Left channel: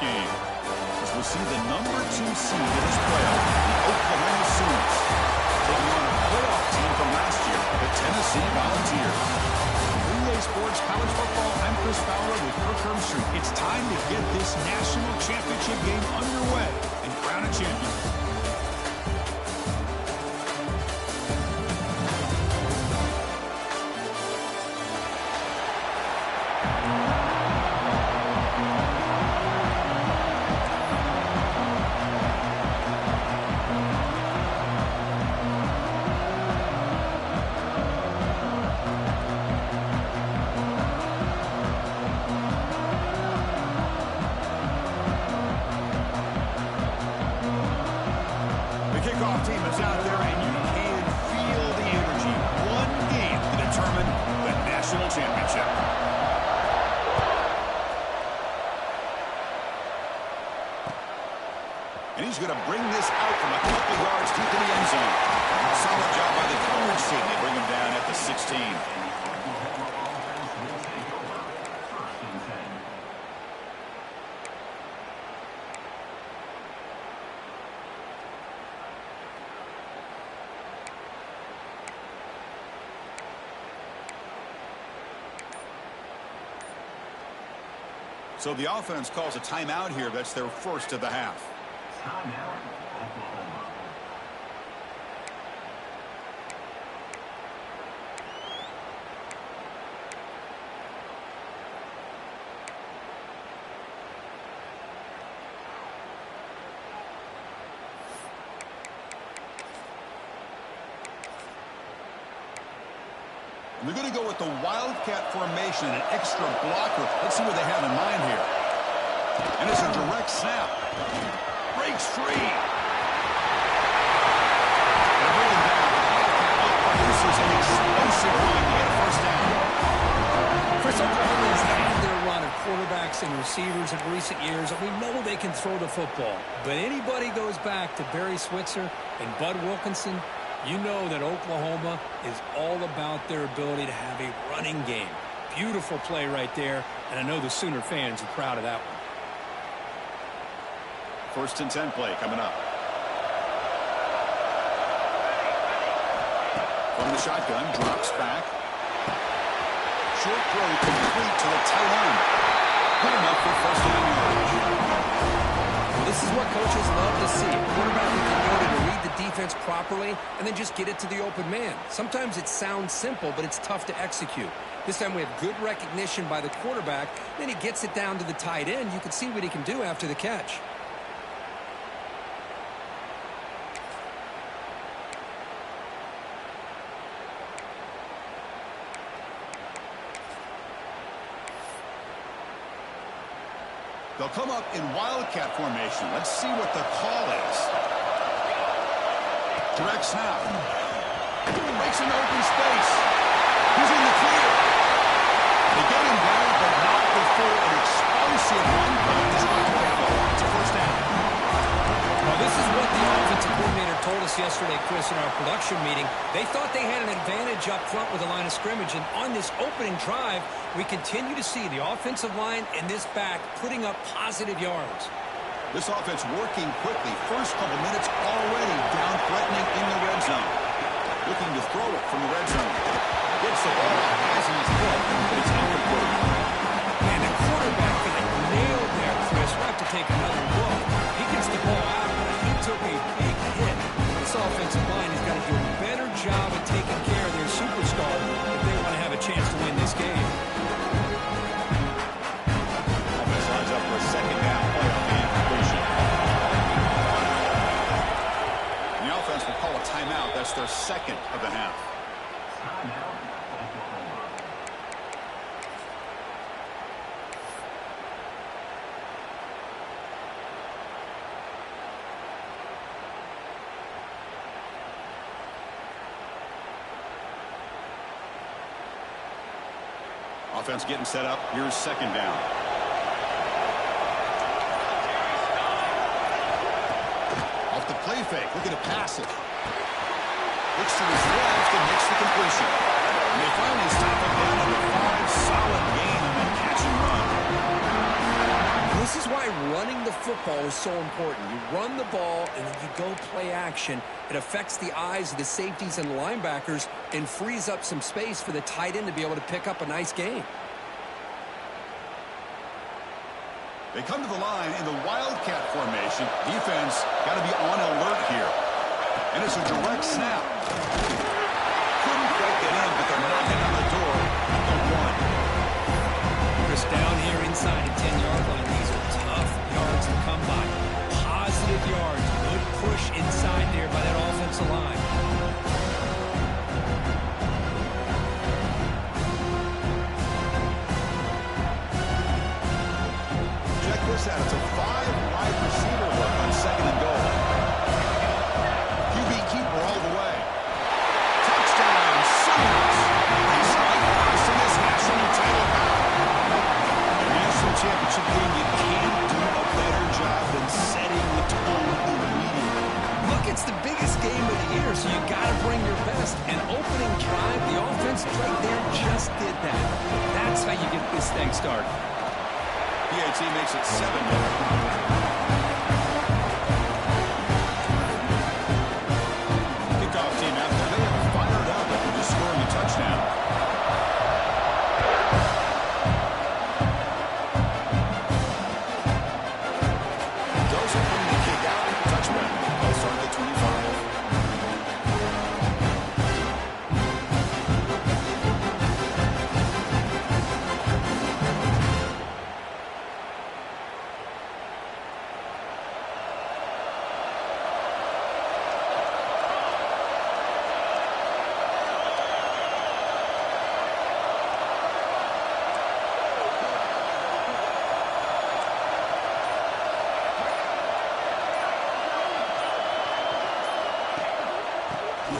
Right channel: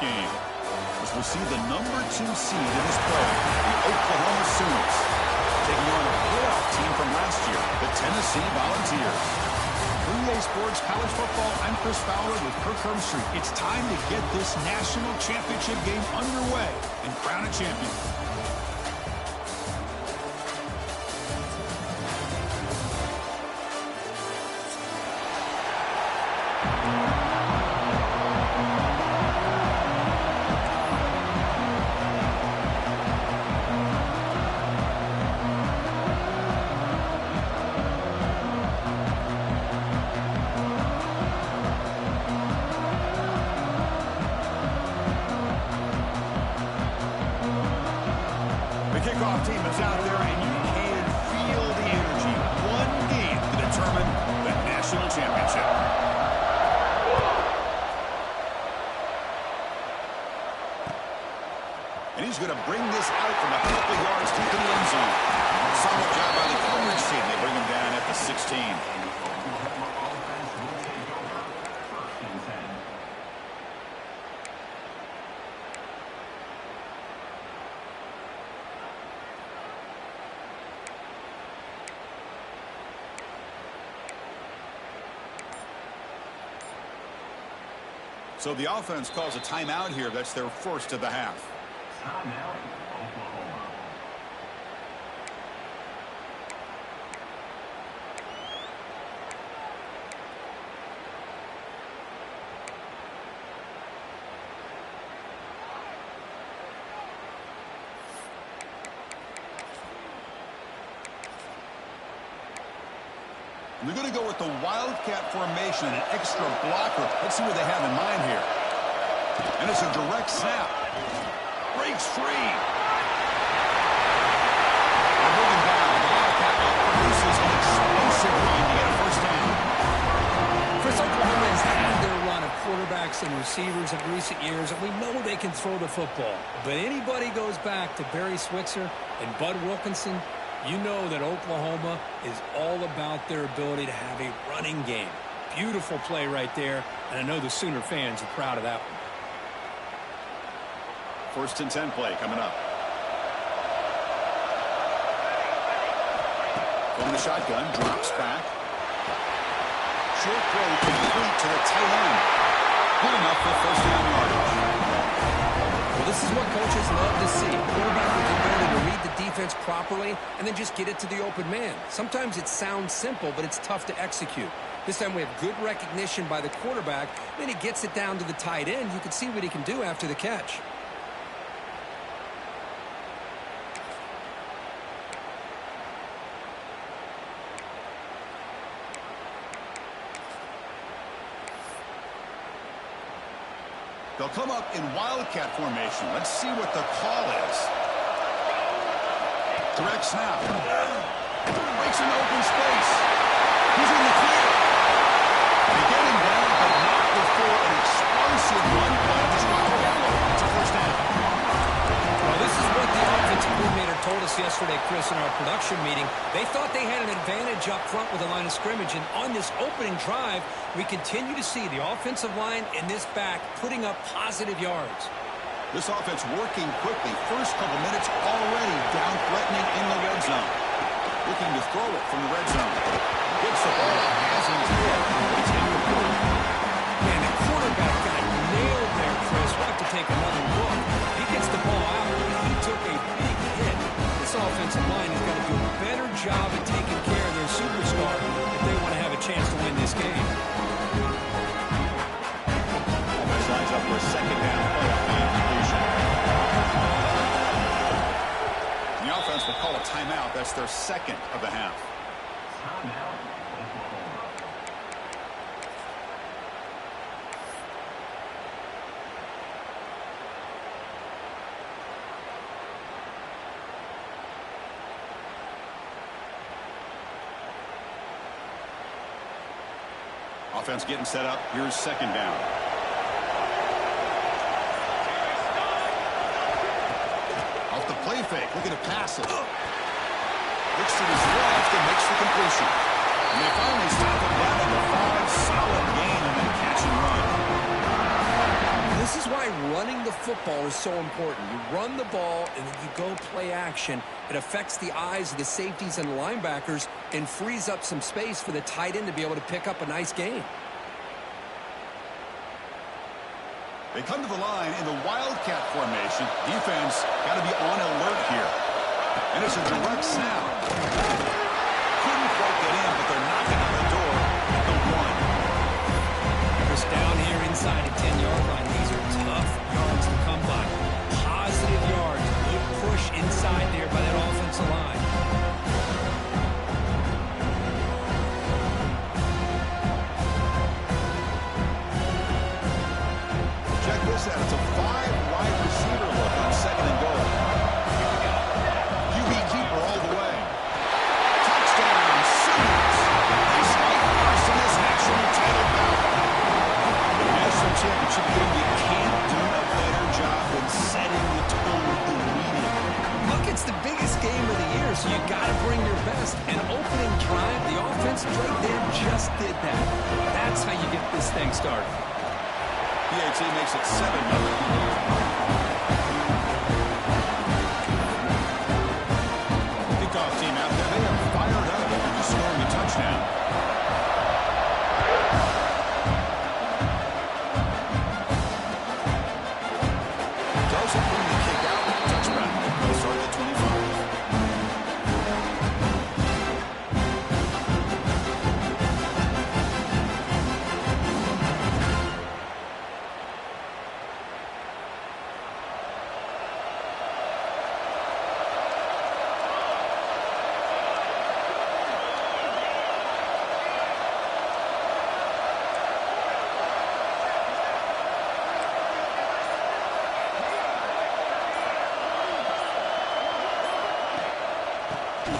game. As we'll see the number 2 seed in this playoff, the Oklahoma Sooners, taking on a playoff team from last year, the Tennessee Volunteers. For EA Sports College Football, I'm Chris Fowler with Kirk Herbstreit. It's time to get this national championship game underway and crown a champion. Kickoff team is out there, and you can feel the energy. One game to determine the national championship. And he's going to bring this out from a couple yards deep in the end zone. Solid job by the coverage team. They bring him down at the 16. So the offense calls a timeout here. That's their first of the half. Timeout, Oklahoma. And they're going to go with the Wildcat formation and an extra blocker. Let's see what they have in mind here. And it's a direct snap. Breaks free. They bring him down. The Wildcat produces an explosive run to get a first down. Chris, Oklahoma has had their run of quarterbacks and receivers in recent years, and we know they can throw the football. But anybody goes back to Barry Switzer and Bud Wilkinson, you know that Oklahoma is all about their ability to have a running game. Beautiful play right there, and I know the Sooner fans are proud of that one. First and 10 play coming up. From the shotgun, drops back. Short throw complete to the tight end. Good enough for first down yardage. Well, this is what coaches love to see. A quarterback with the ability to read the defense properly and then just get it to the open man. Sometimes it sounds simple, but it's tough to execute. This time we have good recognition by the quarterback. Then he gets it down to the tight end. You can see what he can do after the catch. They'll come up in Wildcat formation. Let's see what the call is. Direct snap. Breaks an open space. He's in the clear. They get him down, but not before an explosive run by this Wildcat. It's a first down. Well, this is what the offensive coordinator told us yesterday, Chris, in our production meeting. They thought they had an advantage up front with the line of scrimmage, and on this opening drive, we continue to see the offensive line and this back putting up positive yards. This offense working quickly. First couple minutes already down threatening in the red zone. Looking to throw it from the red zone. Gets the ball out, has in his head, but it's incomplete. Man, the quarterback got nailed there, Chris. We'll have to take another look. He gets the ball out, but he took a big hit. This offensive line has got to do a better job at taking care of their superstar if they want to have a chance to win this game. Offense lines up for a second down play off the incompletion. The offense will call a timeout. That's their second of the half. Timeout, Oklahoma. Offense getting set up. Here's second down. Off the play fake, looking to pass it. Looks to his left and makes the completion. And they finally stop him down at the 5. Solid gain on that catch and run. This is why running the football is so important. You run the ball, and then you go play action. It affects the eyes of the safeties and linebackers and frees up some space for the tight end to be able to pick up a nice gain. They come to the line in the Wildcat formation. Defense got to be on alert here. And it's a direct snap. Couldn't quite get in, but they're knocking on the door at the 1. Chris, down here inside the 10-yard line, these are tough yards to come by. Positive yards. Good push inside there by that offensive line. Check this out. It's a 5-wide receiver look on 2nd and goal. QB keeper all the way. Touchdown, Sooners. They strike first in this national title bout. The national championship game, you can't do a better job than setting the tone immediately. Look, it's the biggest game of the year, so you got to bring your best. And opening drive, the offense right there just did that. That's how you get this thing started. PAT makes it 7-0. Kickoff team out there. They have fired up after just scoring a touchdown. Doesn't bring the kick out. Touchback. They'll start at the 25.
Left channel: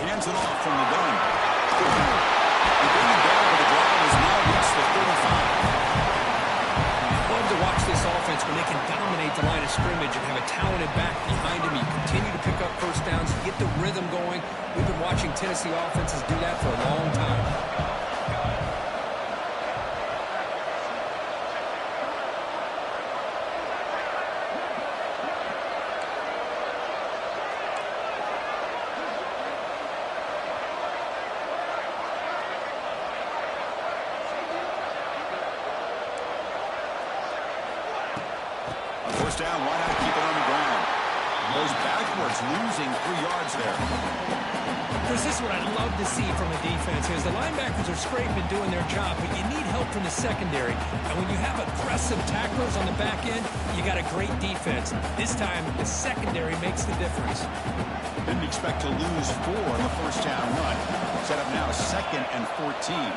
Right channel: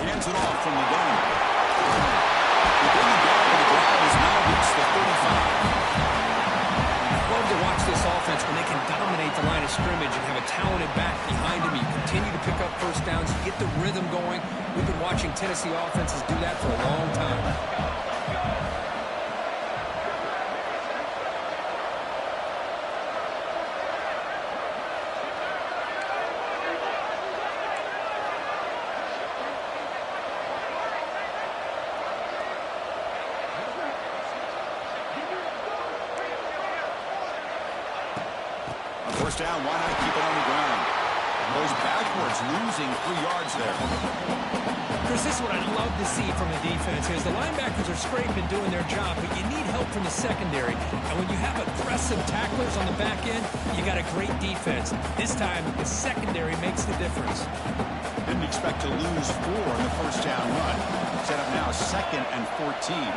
Hands it off from the gun. They bring him down, but the drive has now reached the 35. Love to watch this offense when they can dominate the line of scrimmage and have a talented back behind him. You continue to pick up first downs, you get the rhythm going. We've been watching Tennessee offenses do that for a long time. Down, why not keep it on the ground? Goes backwards, losing 3 yards there. Chris, this is what I love to see from a defense is the linebackers are scraping, doing their job, but you need help from the secondary. And when you have aggressive tacklers on the back end, you got a great defense. This time, the secondary makes the difference. Didn't expect to lose 4 in the first down run. Set up now 2nd and 14.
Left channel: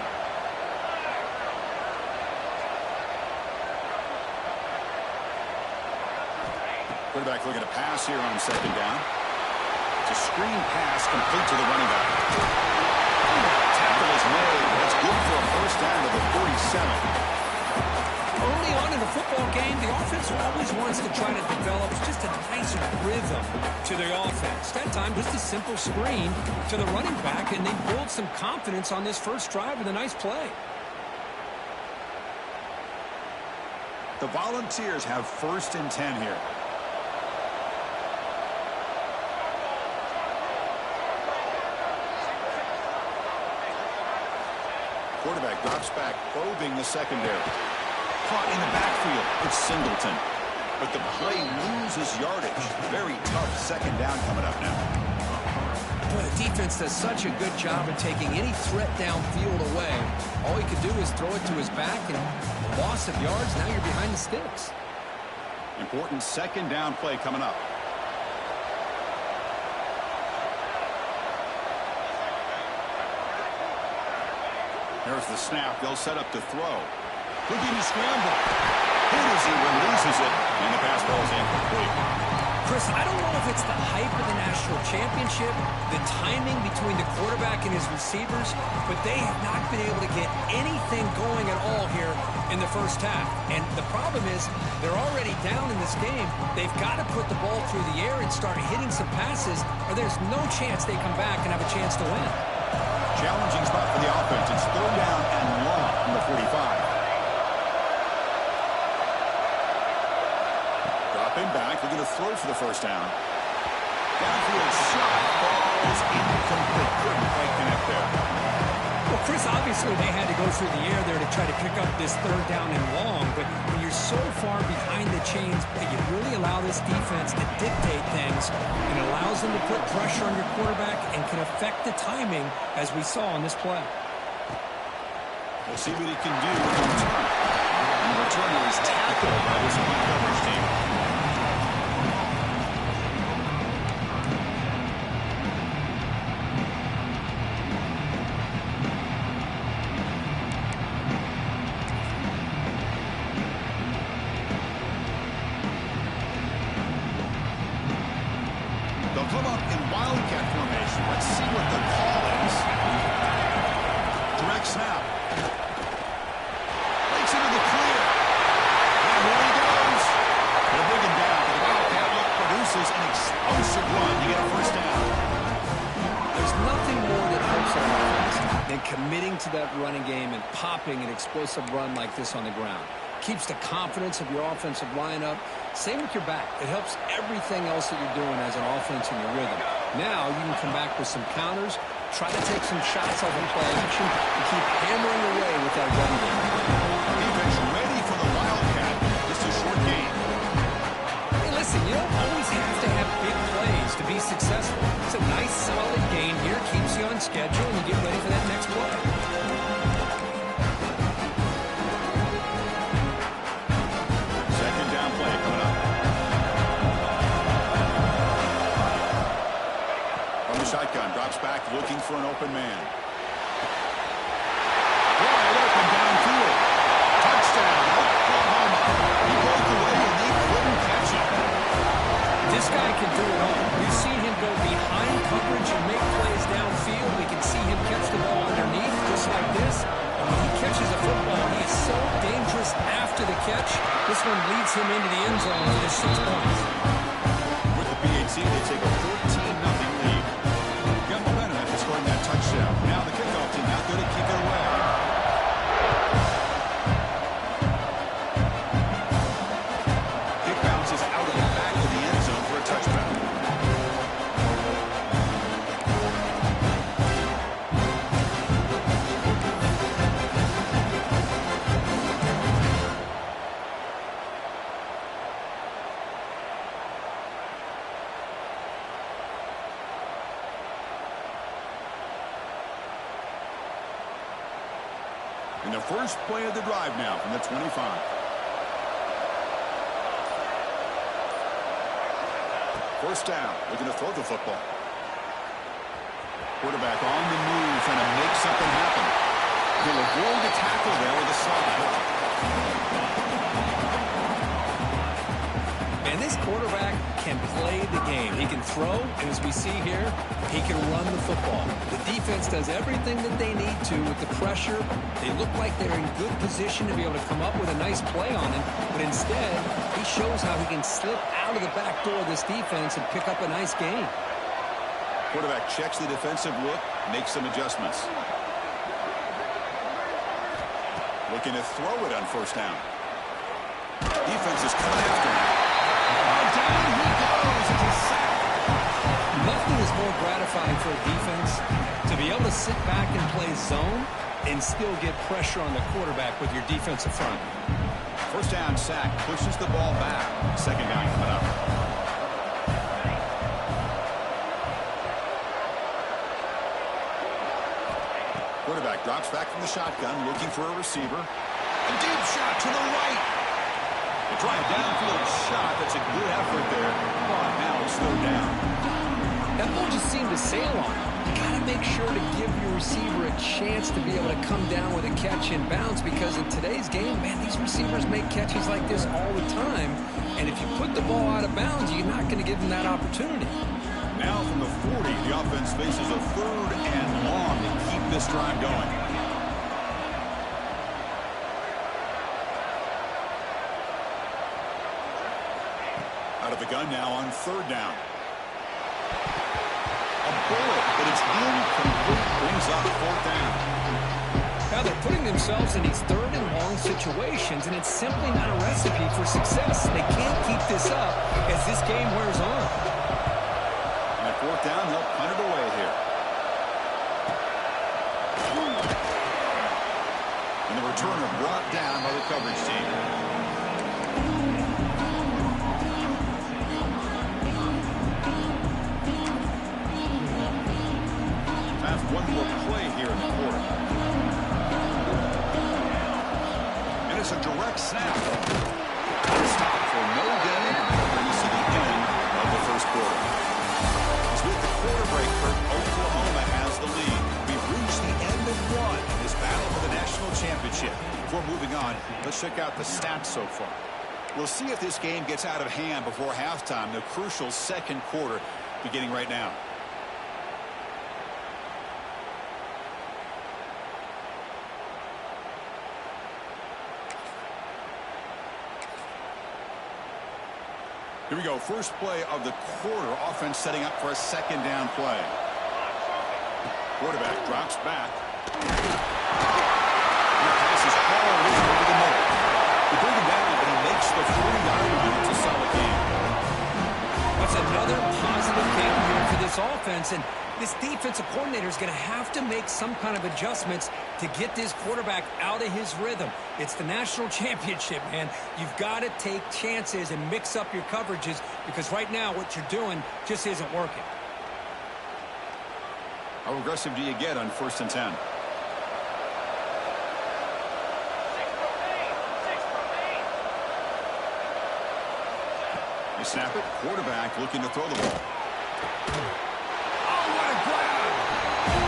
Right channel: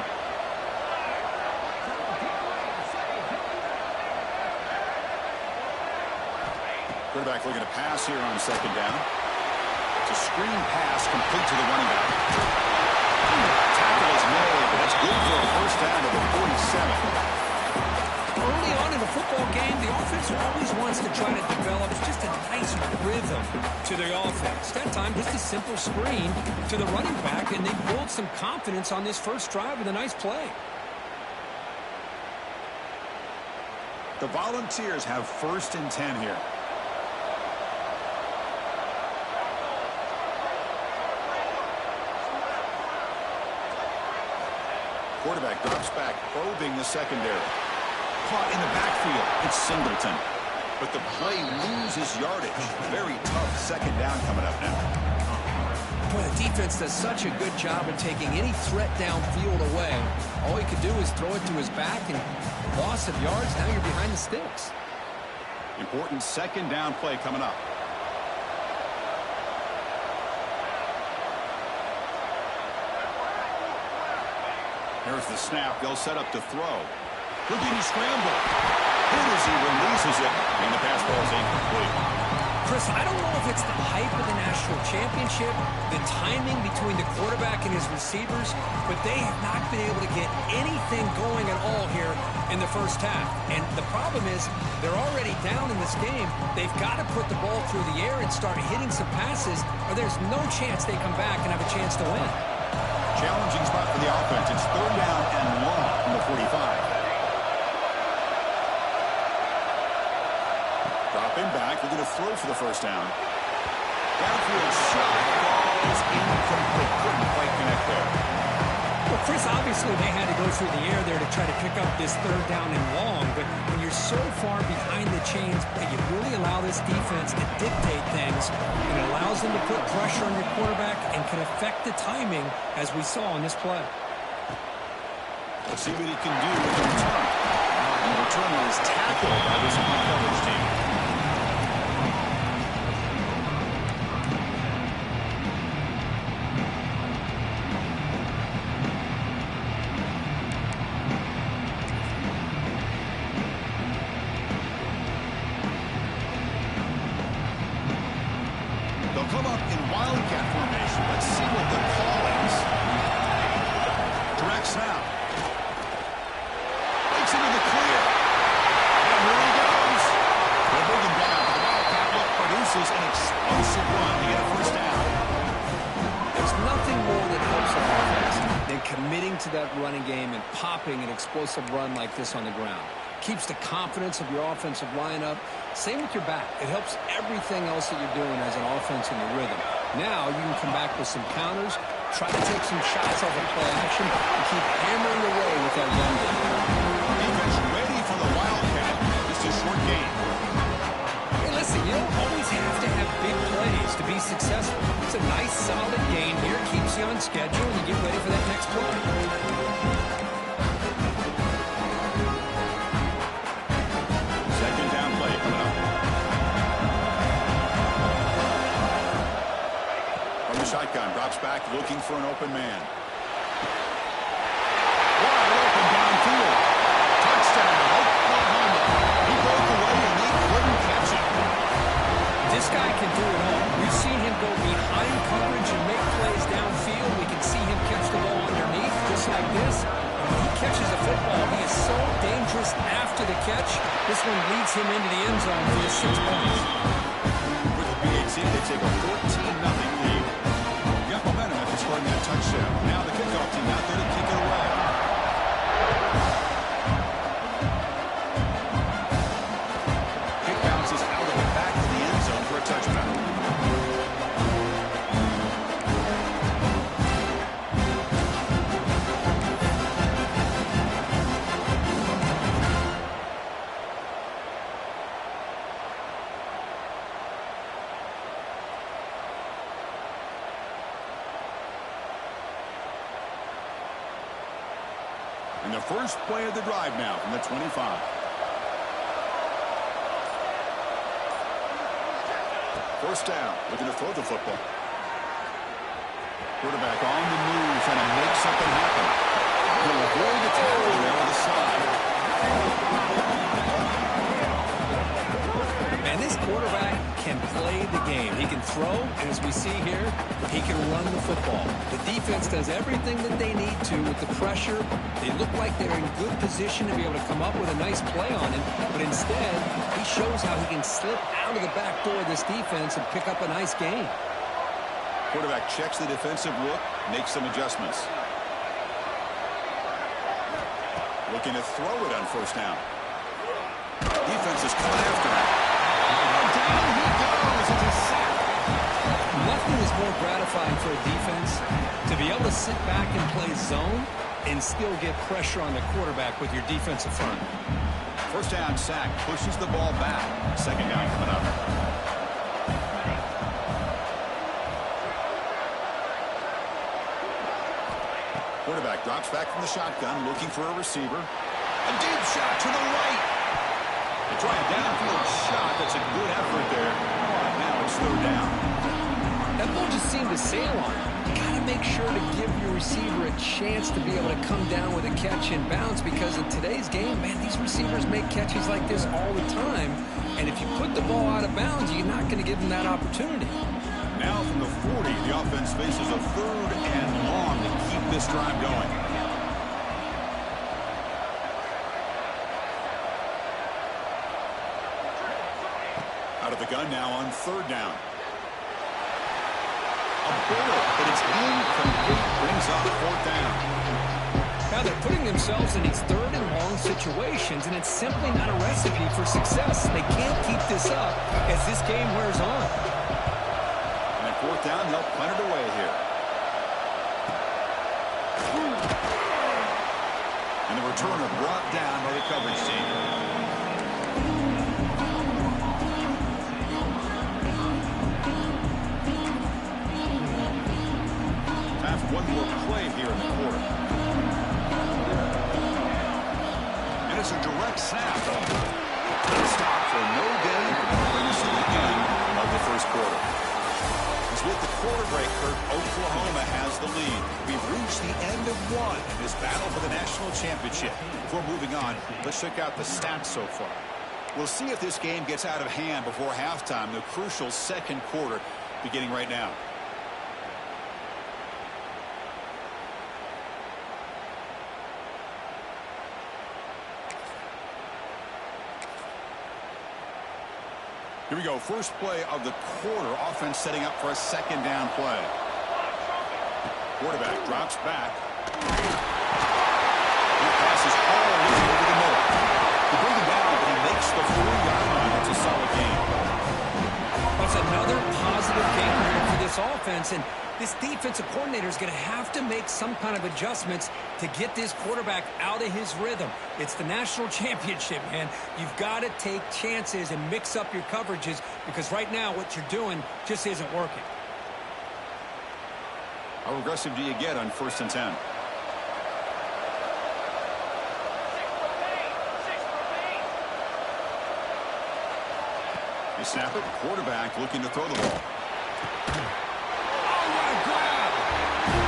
Quarterback looking to pass here on 2nd down. It's a screen pass complete to the running back. Tackle is made, but that's good for a first down to the 47. Early on in a football game, the offense always wants to try to develop just a nice rhythm to the offense. That time, just a simple screen to the running back, and they build some confidence on this first drive with a nice play. The Volunteers have 1st and 10 here. Quarterback drops back, probing the secondary. Caught in the backfield. It's Singleton. But the play loses yardage. Very tough 2nd down coming up now. Boy, the defense does such a good job of taking any threat downfield away. All he could do is throw it to his back, and loss of yards, now you're behind the sticks. Important 2nd down play coming up. Here's the snap. They'll set up to throw. Looking to scramble. Hit as he releases it, and the pass ball is incomplete. Chris, I don't know if it's the hype of the national championship, the timing between the quarterback and his receivers, but they have not been able to get anything going at all here in the first half. And the problem is they're already down in this game. They've got to put the ball through the air and start hitting some passes, or there's no chance they come back and have a chance to win. Challenging spot for the offense. It's 3rd down and long from the 45. Dropping back, looking to throw for the first down. Downfield shot falls incomplete. Couldn't quite connect there. Well, Chris, obviously they had to go through the air there to try to pick up this third down and long, but when you're so far behind the chains, you really allow this defense to dictate things, and it allows them to put pressure on your quarterback and can affect the timing, as we saw on this play. We'll see what he can do with the return. And the returner is tackled by this punt coverage team. They'll come up in wildcat formation. Let's see what the call is. Direct snap. Breaks into the clear. Now here he goes. They'll bring him down, but the wildcat look produces an explosive run to get a first down. There's nothing more that helps our offense than committing to that running game and popping an explosive run like this on the ground. Keeps the confidence of your offensive lineup. Same with your back. It helps everything else that you're doing as an offense in your rhythm. Now you can come back with some counters, try to take some shots off of play action, and keep hammering away with that run game. Defense ready for the wildcat. Just a short game. Hey, listen, you don't always have to have big plays to be successful. It's a nice, solid gain here. Keeps you on schedule, and you get ready for that next play. Second down play coming up. From the shotgun, drops back looking for an open man. Wide open downfield. Touchdown, Oklahoma. He broke away and they couldn't catch him. This guy can do it all. We've seen him go behind coverage and make plays downfield. We can see him catch the ball underneath just like this. And when he catches a football, he is so dangerous after the catch. This one leads him into the end zone for just 6 points. With the BHC, they take a 14-0 lead. Got momentum after scoring that touchdown. Now the kickoff team out there to kick it away. Kick bounces out of the back of the end zone for a touchdown. And the first play of the drive now from the 25. First down, looking to throw the football. Quarterback on the move, trying to make something happen. He'll avoid the tackle there with the side. And this quarterback can play the game. He can throw, and as we see here, he can run the football. The defense does everything that they need to with the pressure. They look like they're in good position to be able to come up with a nice play on him, but instead, he shows how he can slip out of the back door of this defense and pick up a nice gain. Quarterback checks the defensive look, makes some adjustments. Looking to throw it on first down. Defense is coming after him. Down he goes. It's a sack. Nothing is more gratifying for a defense to be able to sit back and play zone and still get pressure on the quarterback with your defensive front. First down sack, pushes the ball back. Second down coming up. Quarterback drops back from the shotgun, looking for a receiver. A deep shot to the right. They try a downfield shot. That's a good effort there. But now it's third down. That ball just seemed to sail on him. You got to make sure to give your receiver a chance to be able to come down with a catch and bounce, because in today's game, man, these receivers make catches like this all the time. And if you put the ball out of bounds, you're not going to give them that opportunity. Now from the 40, the offense faces a third and long to keep this drive going. Out of the gun now on third down. A bullet, but it's incomplete. Brings up fourth down. Now they're putting themselves in these third and long situations, and it's simply not a recipe for success. They can't keep this up as this game wears on. And at fourth down, they'll punt it away here. And the returner brought down by the coverage team. Time for one more play here in the quarter. And it's a direct snap. Stop for no gain, and that'll bring us to the end of the first quarter. As with the quarter break, Kurt, Oklahoma has the lead. We've reached the end of one in this battle for the national championship. Before moving on, let's check out the stats so far. We'll see if this game gets out of hand before halftime, the crucial second quarter beginning right now. Here we go. First play of the quarter. Offense setting up for a second down play. Quarterback drops back. And the pass is hauled over the middle. They bring him down, but he makes the 40-yard line. It's a solid game. That's another positive game here for this offense, and this defensive coordinator is going to have to make some kind of adjustments to get this quarterback out of his rhythm. It's the national championship, man. You've got to take chances and mix up your coverages because right now what you're doing just isn't working. How aggressive do you get on 1st and 10? They snap it. Quarterback looking to throw the ball. Oh, what a grab!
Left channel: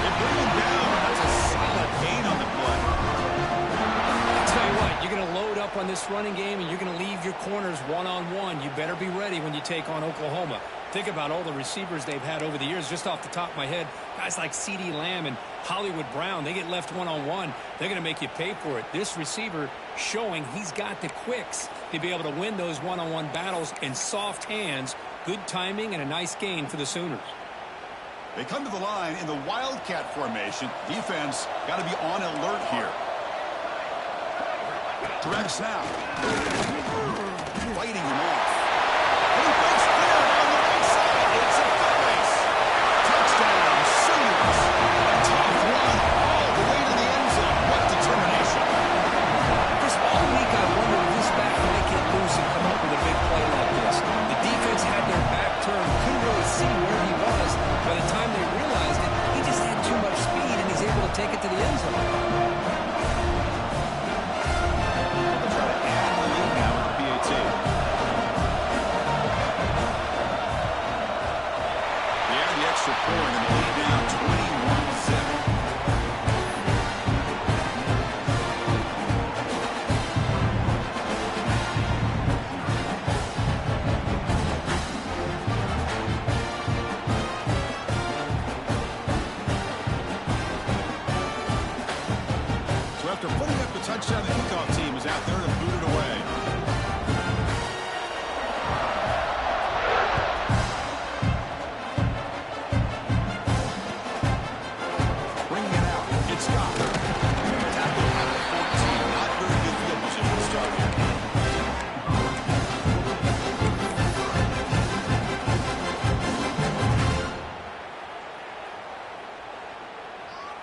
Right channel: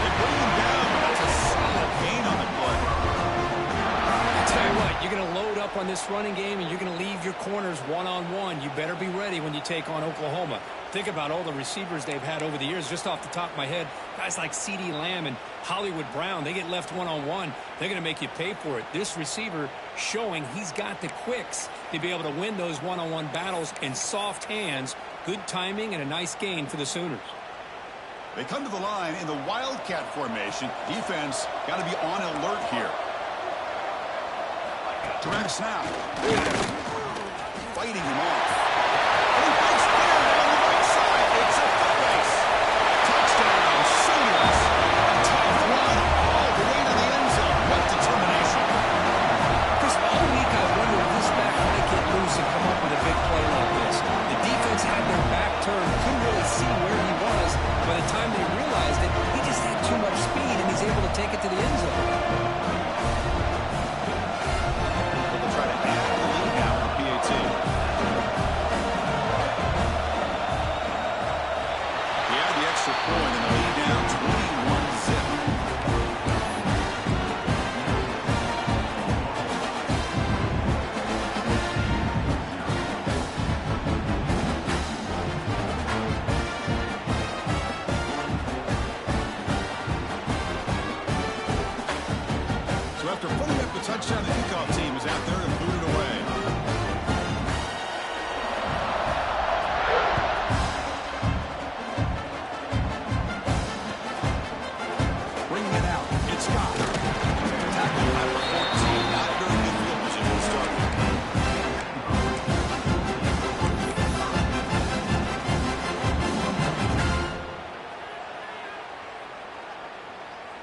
They bring him down, but that's a solid gain on the play. I'll tell you what, you're going to load up on this running game and you're going to leave your corners one-on-one. You better be ready when you take on Oklahoma. Think about all the receivers they've had over the years. Just off the top of my head, guys like CeeDee Lamb and Hollywood Brown, they get left one-on-one. They're going to make you pay for it. This receiver showing he's got the quicks to be able to win those one-on-one battles in soft hands. Good timing and a nice gain for the Sooners. They come to the line in the Wildcat formation. Defense got to be on alert here. Direct snap. Fighting him off. And he breaks clear on the right side. It's a foot race. Touchdown, Sooners. A tough run all the way to the end zone. What determination. Chris, all week I wondered if this back might get loose and come up with a big play like this. The defense had their back turned, couldn't really see where he was. By the time they realized it, he just had too much speed, and he's able to take it to the end zone. They'll try to add the lead now with the PAT. They add the extra point, and the lead now 21-zip. After putting up the touchdown, the kickoff team is out there to boot it away. Bringing it out. It's Scott. Tackle at the 14. Not very good field position to start here.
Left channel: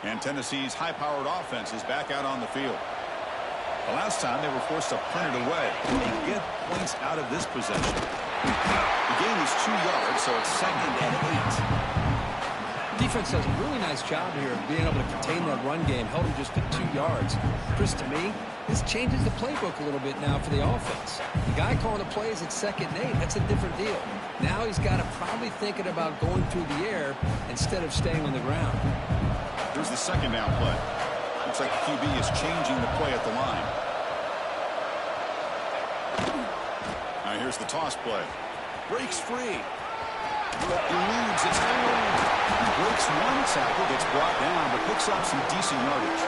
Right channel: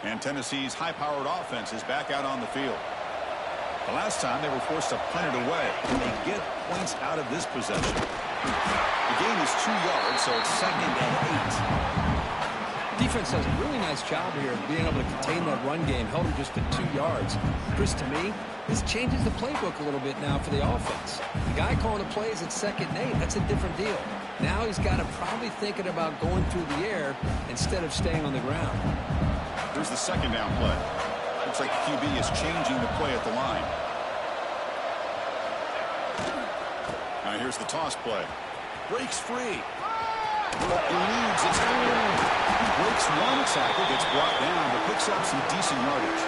And Tennessee's high-powered offense is back out on the field. The last time they were forced to punt it away. They get points out of this possession. The gain is 2 yards, so it's 2nd and 8. Defense does a really nice job here of being able to contain that run game. Held them just to 2 yards. Chris, to me, this changes the playbook a little bit now for the offense. The guy calling the plays at 2nd and 8, that's a different deal. Now he's got to probably thinking about going through the air instead of staying on the ground. Here's the second down play. Looks like the QB is changing the play at the line. Now here's the toss play. Breaks free. Eludes a tackle. Breaks one tackle, gets brought down, but picks up some decent yardage.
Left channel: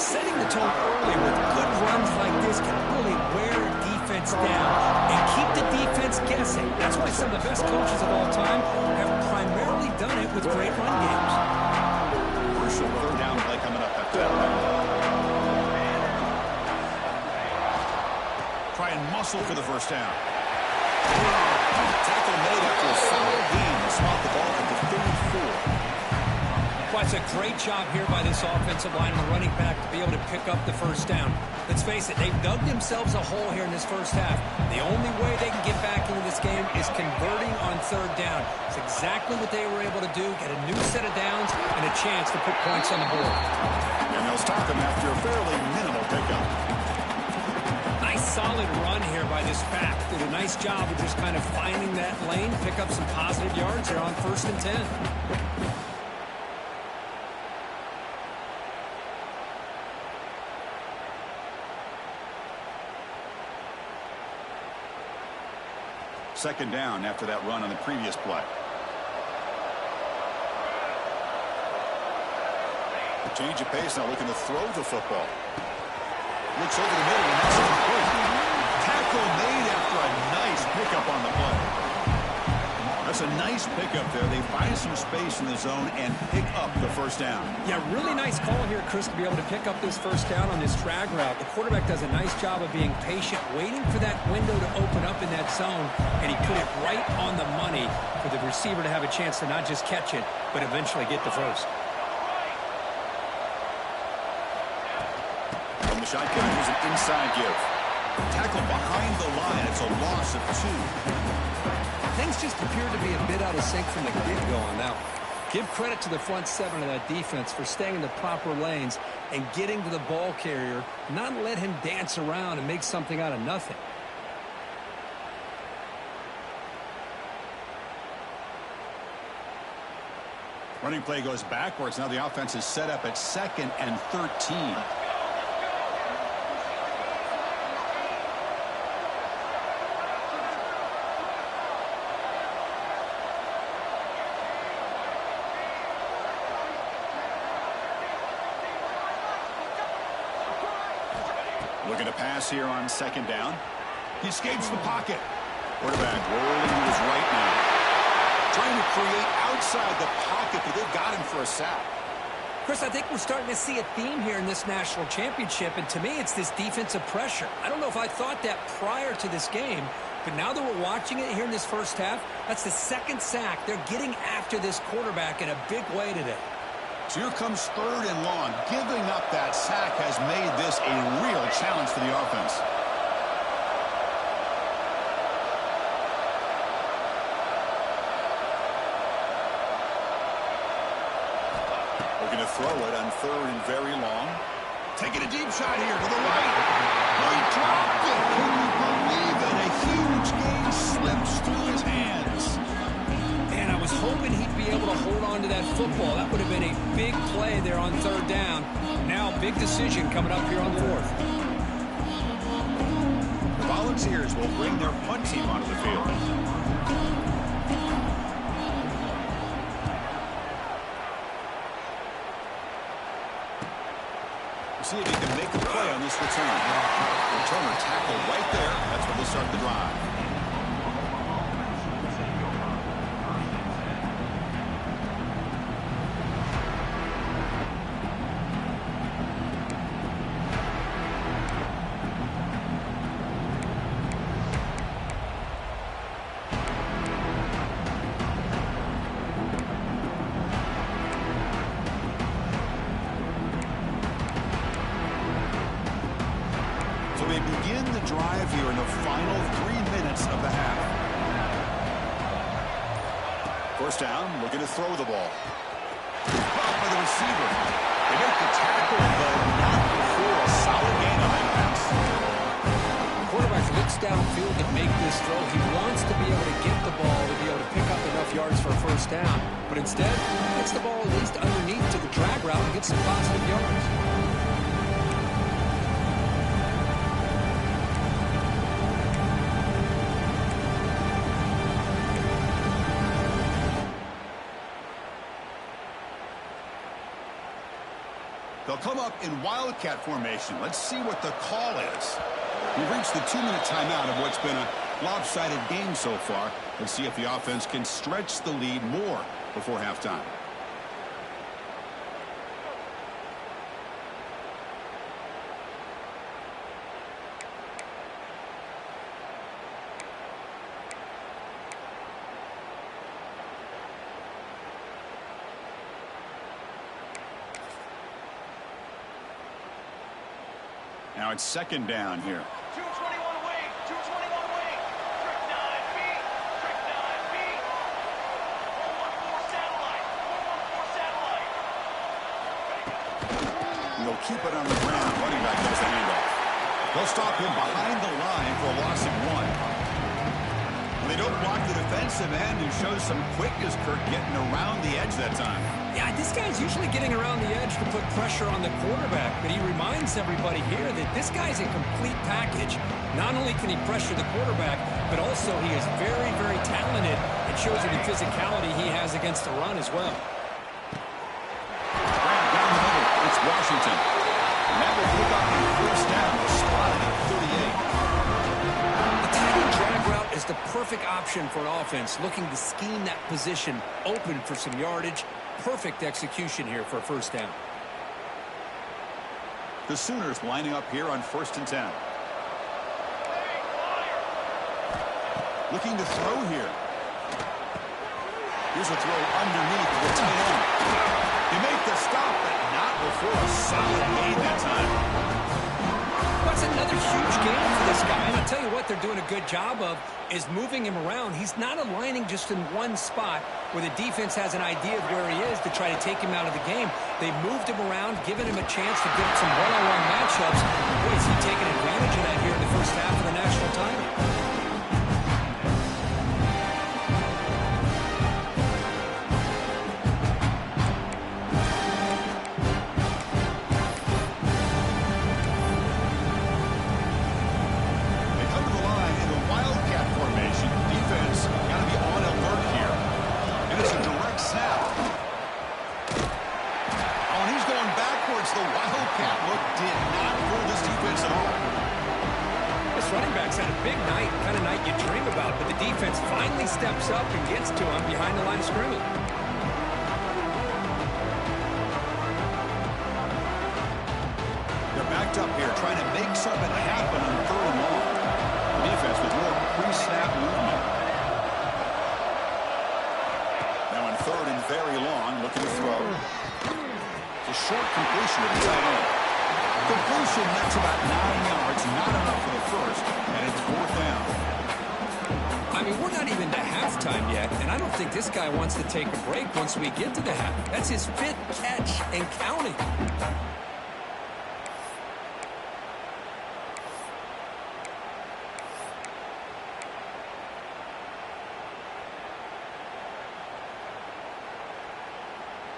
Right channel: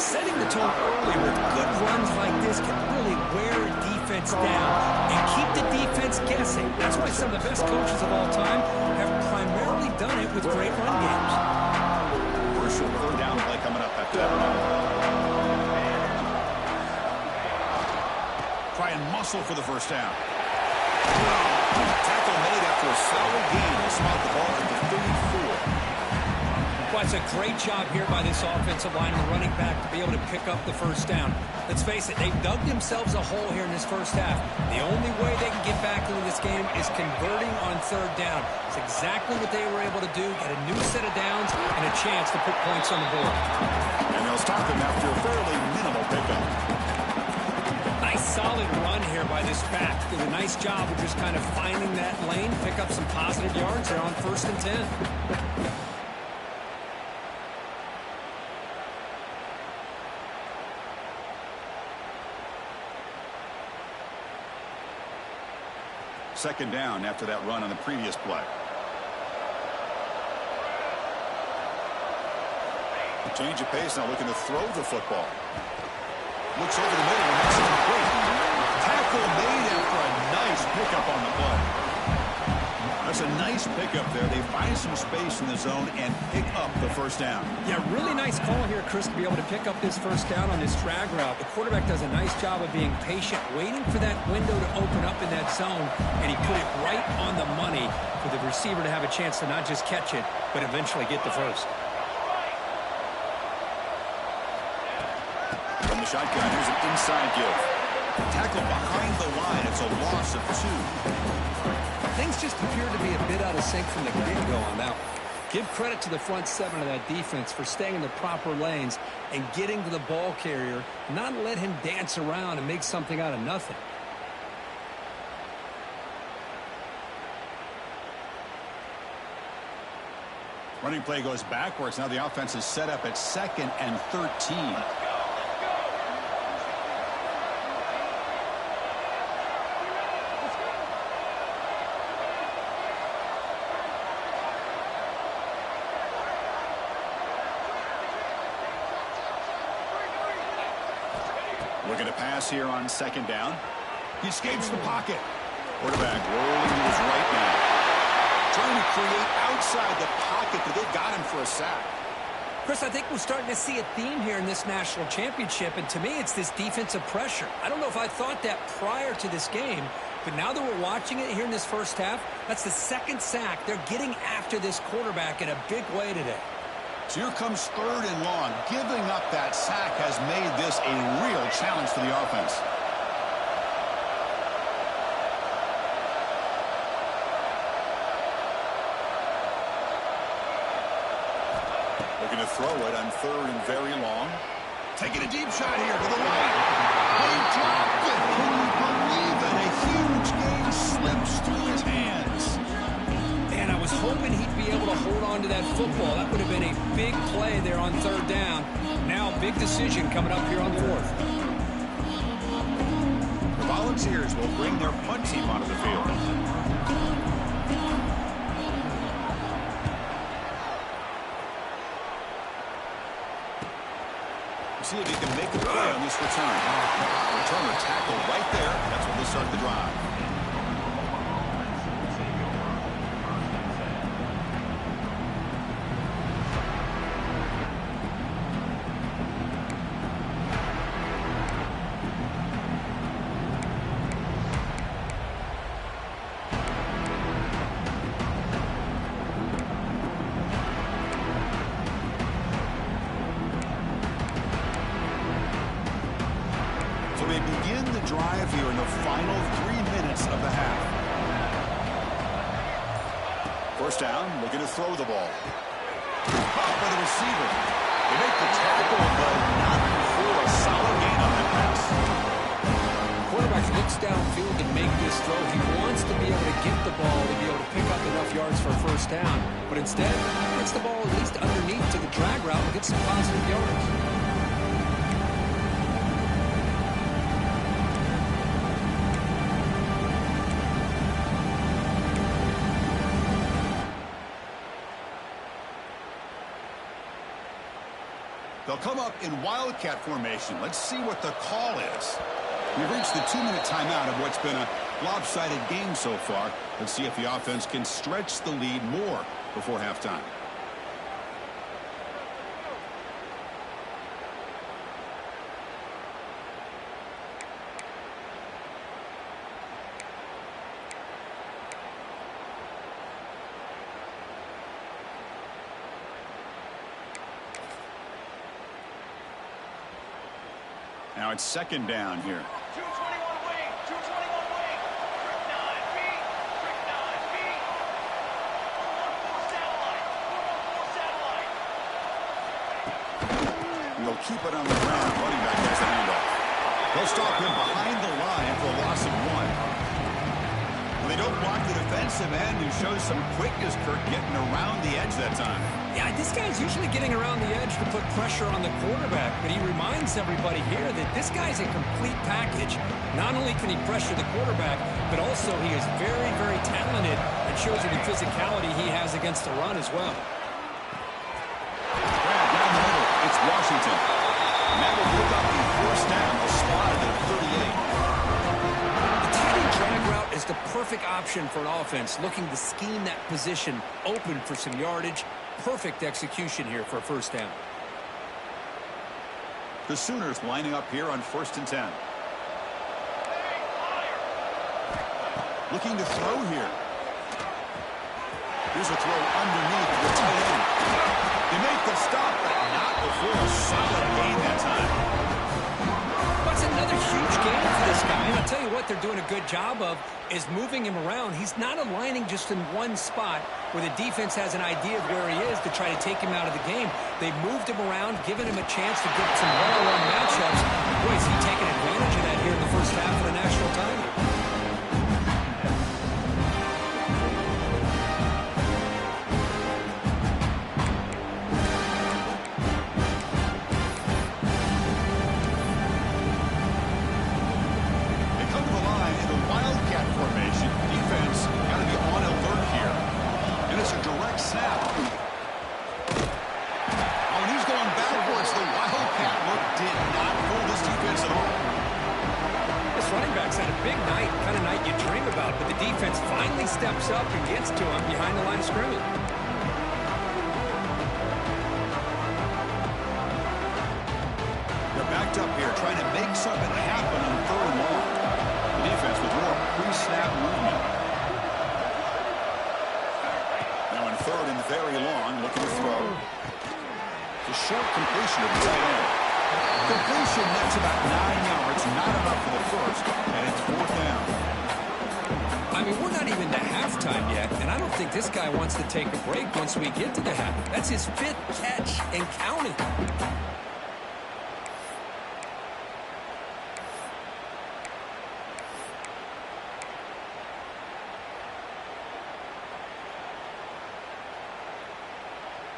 Setting the tone early with good runs like this can really wear a defense down and keep the defense guessing. That's why some of the best coaches of all time have primarily done it with great run games. Third down play coming up after that. and muscle for the first down. Tackle made after a solid gain. They spot the ball at the 34. Well, it's a great job here by this offensive line and the running back to be able to pick up the first down. Let's face it, they've dug themselves a hole here in this first half. The only way they can get back into this game is converting on third down. It's exactly what they were able to do, get a new set of downs and a chance to put points on the board. And they'll start them after a fairly minimal pickup. Nice solid run here by this back. Did a nice job of just kind of finding that lane, pick up some positive yards there on 1st and 10. Second down after that run on the previous play. Change of pace now, looking to throw the football. Looks over the middle and that's complete. Tackle made after a nice pickup on the play. That's a nice pickup there. They find some space in the zone and pick up the first down. Yeah, really nice call here, Chris, to be able to pick up this first down on this drag route. The quarterback does a nice job of being patient, waiting for that window to open up in that zone, and he put it right on the money for the receiver to have a chance to not just catch it, but eventually get the first. From the shotgun, here's an inside give. Tackle behind the line. It's a loss of 2. Things just appear to be a bit out of sync from the get-go on that one. Give credit to the front 7 of that defense for staying in the proper lanes and getting to the ball carrier, not let him dance around and make something out of nothing. Running play goes backwards. Now the offense is set up at 2nd and 13. Looking to pass here on 2nd down. He escapes the pocket. Quarterback rolling to his right now. Trying to create outside the pocket, but they've got him for a sack. Chris, I think we're starting to see a theme here in this national championship, and to me it's this defensive pressure. I don't know if I thought that prior to this game, but now that we're watching it here in this first half, that's the 2nd sack. They're getting after this quarterback in a big way today. So here comes 3rd and long. Giving up that sack has made this a real challenge for the offense. Looking to throw it on 3rd and very long. Taking a deep shot here to the right. He dropped it. Can you believe it? A huge gain slips through his hands. Man, I was hoping he'd be able to hold on to that football. That would have been a big play there on 3rd down. Now, big decision coming up here on 4th. The Volunteers will bring their punt team onto the field. See if he can make a play on this return. Returner tackled right there. That's when they start the drive. So they begin the drive here in the final 3 minutes of the half. First down, looking to throw the ball. Caught by the receiver. They make the tackle, but not before a solid gain on that pass. Quarterback looks downfield to make this throw. He wants to be able to get the ball to be able to pick up enough yards for a first down. But instead, gets the ball at least underneath to the drag route and gets some positive yards. They'll come up in Wildcat formation. Let's see what the call is. We've reached the 2-minute timeout of what's been a lopsided game so far. Let's see if the offense can stretch the lead more before halftime. Now it's second down here. 221 wing, 221 wing. Trick 9B, trick 9B. 414 satellite, 414 satellite. Ready, go. And they'll keep it on the ground. Running back has the handoff. They'll stop him behind the line for a loss of 1. They don't block the defensive end, who shows some quickness, Kirk, getting around the edge that time. Yeah, this guy's usually getting around the edge to put pressure on the quarterback, but he reminds everybody here that this guy's a complete package. Not only can he pressure the quarterback, but also he is very, very talented and shows you the physicality he has against the run as well. Grab down the middle. It's Washington. And that will pick up the first down. They'll spot it at 38. Drag route is the perfect option for an offense looking to scheme that position open for some yardage. Perfect execution here for a first down. The Sooners lining up here on 1st and 10. Looking to throw here. Here's a throw underneath to the tight end. They make the stop, but not before a solid gain that time. That's another huge game for this guy, and I'll tell you what they're doing a good job of is moving him around. He's not aligning just in one spot where the defense has an idea of where he is to try to take him out of the game. They've moved him around, given him a chance to get some one-on-one matchups. Boy, is he taking advantage of that here in the first half of the national title. Formation. Defense got to be on alert here. And it's a direct snap. Oh, and he's going backwards. The Wildcat look did not fool this defense at all. This running back's had a big night, kind of night you dream about, but the defense finally steps up and gets to him behind the line of scrimmage. They're backed up here trying to make something happen on 3rd and long. Defense with more pre-snap movement. Now in 3rd and very long, looking to throw. It's a short completion of the tight end. Completion, that's about 9 yards, not enough for the first, and it's 4th down. I mean, we're not even to halftime yet, and I don't think this guy wants to take a break once we get to the half. That's his 5th catch and counting.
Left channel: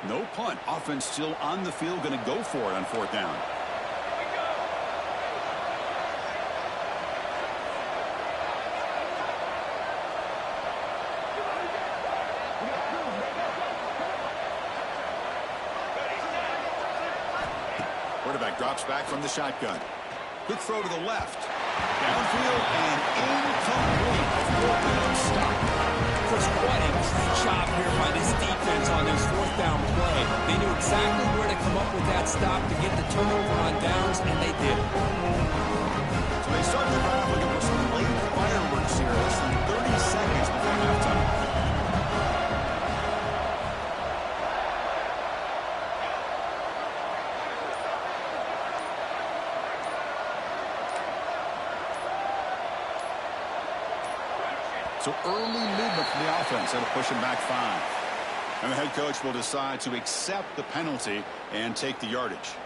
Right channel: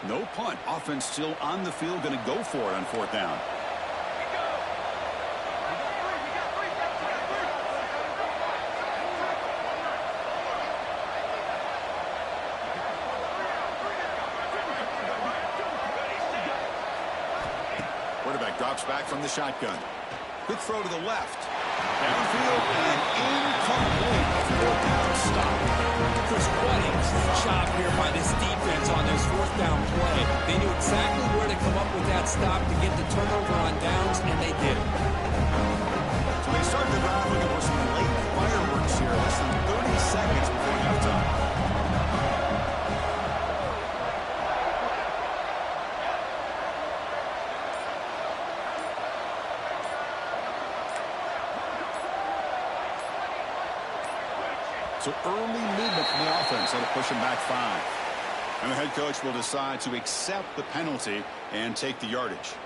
No punt. Offense still on the field, going to go for it on 4th down. Here we go. Ready, set. Quarterback drops back from the shotgun. Quick throw to the left. Downfield and incomplete. A 4th down stop. Chris, what a job here by this defense on this 4th down play. They knew exactly where to come up with that stop to get the turnover on downs, and they did it. So they start the drive looking for some late fireworks here. Less than 30 seconds before halftime. So early movement from the offense. That'll push him back 5. And the head coach will decide to accept the penalty and take the yardage.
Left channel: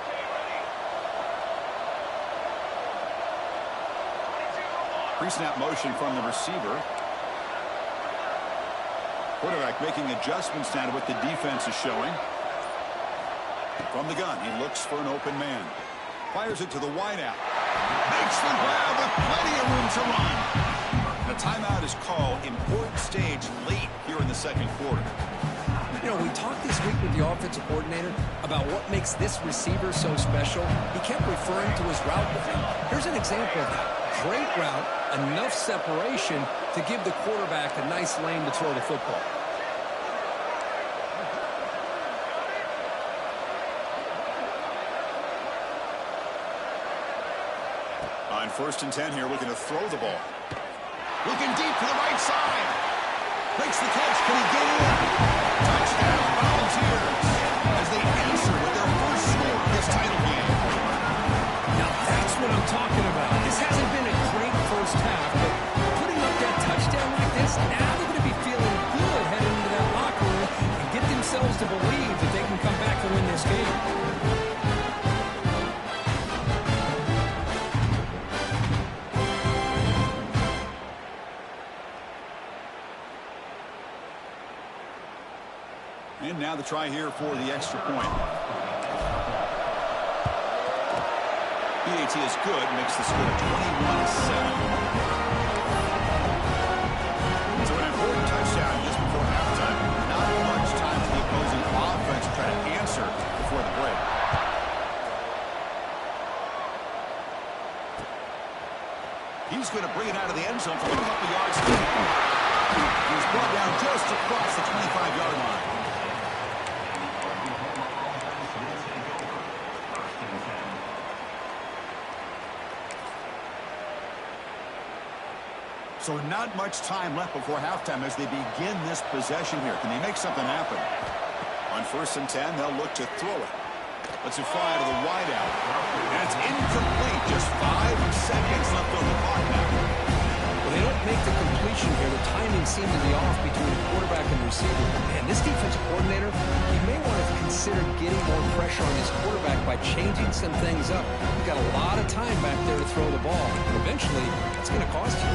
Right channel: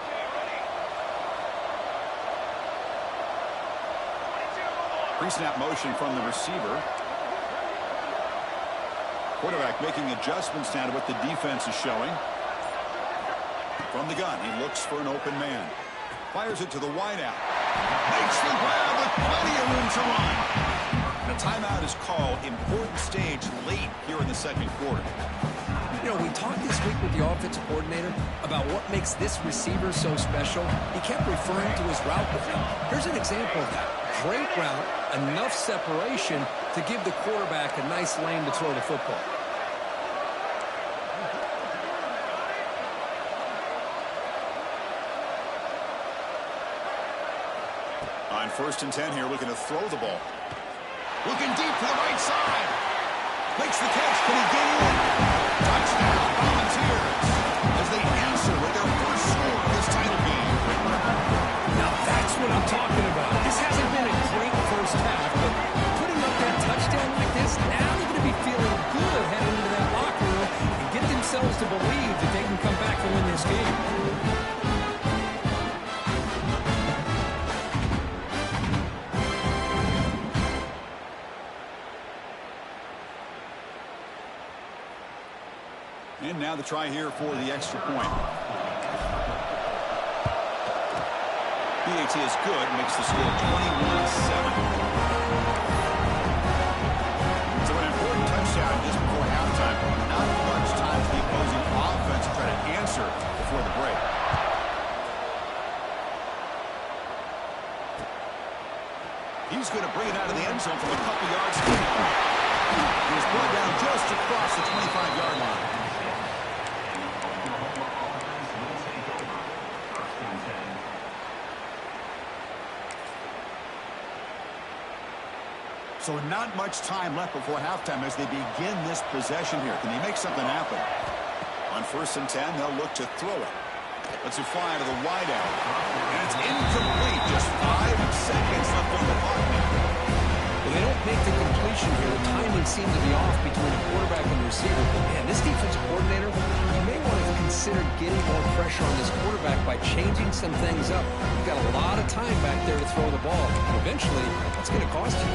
Okay, ready. 22-1. Pre-snap motion from the receiver. Quarterback making adjustments now to what the defense is showing. From the gun, he looks for an open man. Fires it to the wideout. Makes the grab with plenty of room to run. The timeout is called. Important stage late here in the 2nd quarter. You know, we talked this week with the offensive coordinator about what makes this receiver so special. He kept referring to his route with him. Here's an example of that. Great route, enough separation to give the quarterback a nice lane to throw the football. On 1st and 10 here, looking to throw the ball. Looking deep to the right side. Makes the catch. Can he get in? Touchdown, Volunteers. As they answer what I'm talking about. This hasn't been a great first half, but putting up that touchdown like this, now they're going to be feeling good heading into that locker room and get themselves to believe that they can come back and win this game. And now the try here for the extra point. PAT is good, makes the score 21-7. So an important touchdown just before halftime. Not much time for the opposing offense to try to answer before the break. He's going to bring it out of the end zone from a couple yards deep. He's brought down just across the 25-yard line. So not much time left before halftime as they begin this possession here. Can they make something happen? On 1st and 10, they'll look to throw it. Lets it fly to the wideout. And it's incomplete. Just 5 seconds left on the clock now. Well, they don't make the completion here. The timing seemed to be off between a quarterback and the receiver. But, man, this defensive coordinator, he may want to consider getting more pressure on this quarterback by changing some things up. You've got a lot of time back there to throw the ball. And eventually, that's going to cost you.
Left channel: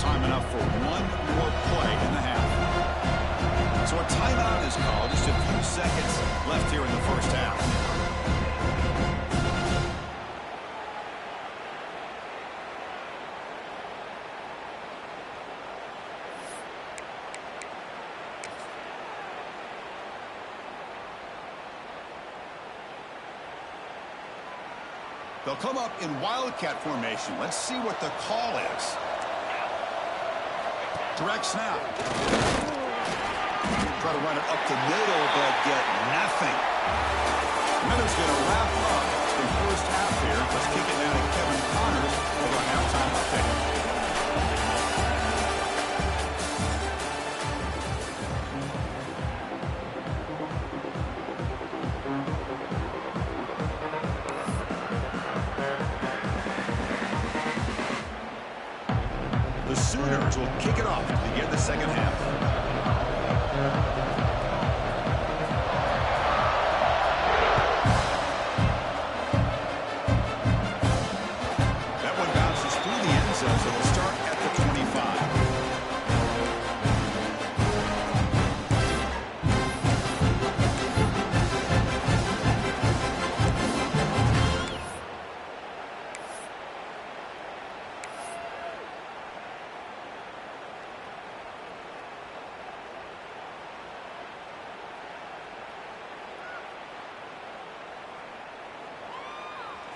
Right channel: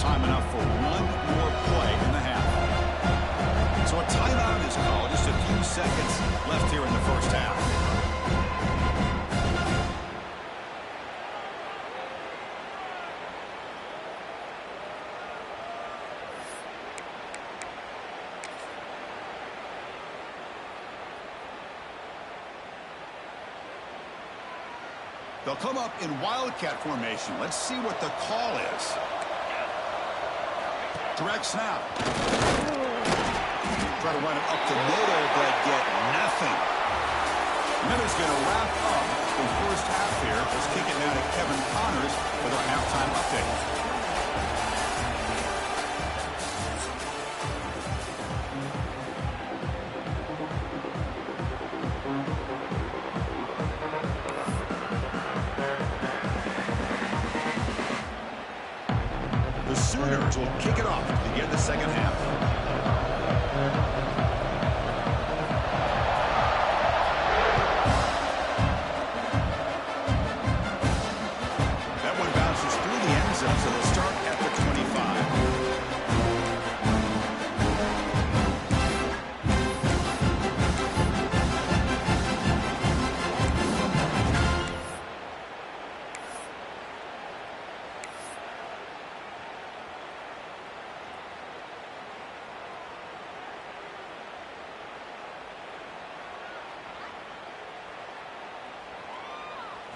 Time enough for one more play in the half. So a timeout is called. Just a few seconds left here in the first half. They'll come up in Wildcat formation. Let's see what the call is. Direct snap. Try to run it up the middle, but get nothing. Miller's going to wrap up the first half here. Let's kick it now to Kevin Connors with our halftime update. The Sooners will kick it off to begin the second half. That one bounces through the end zone, so they'll start at the 25.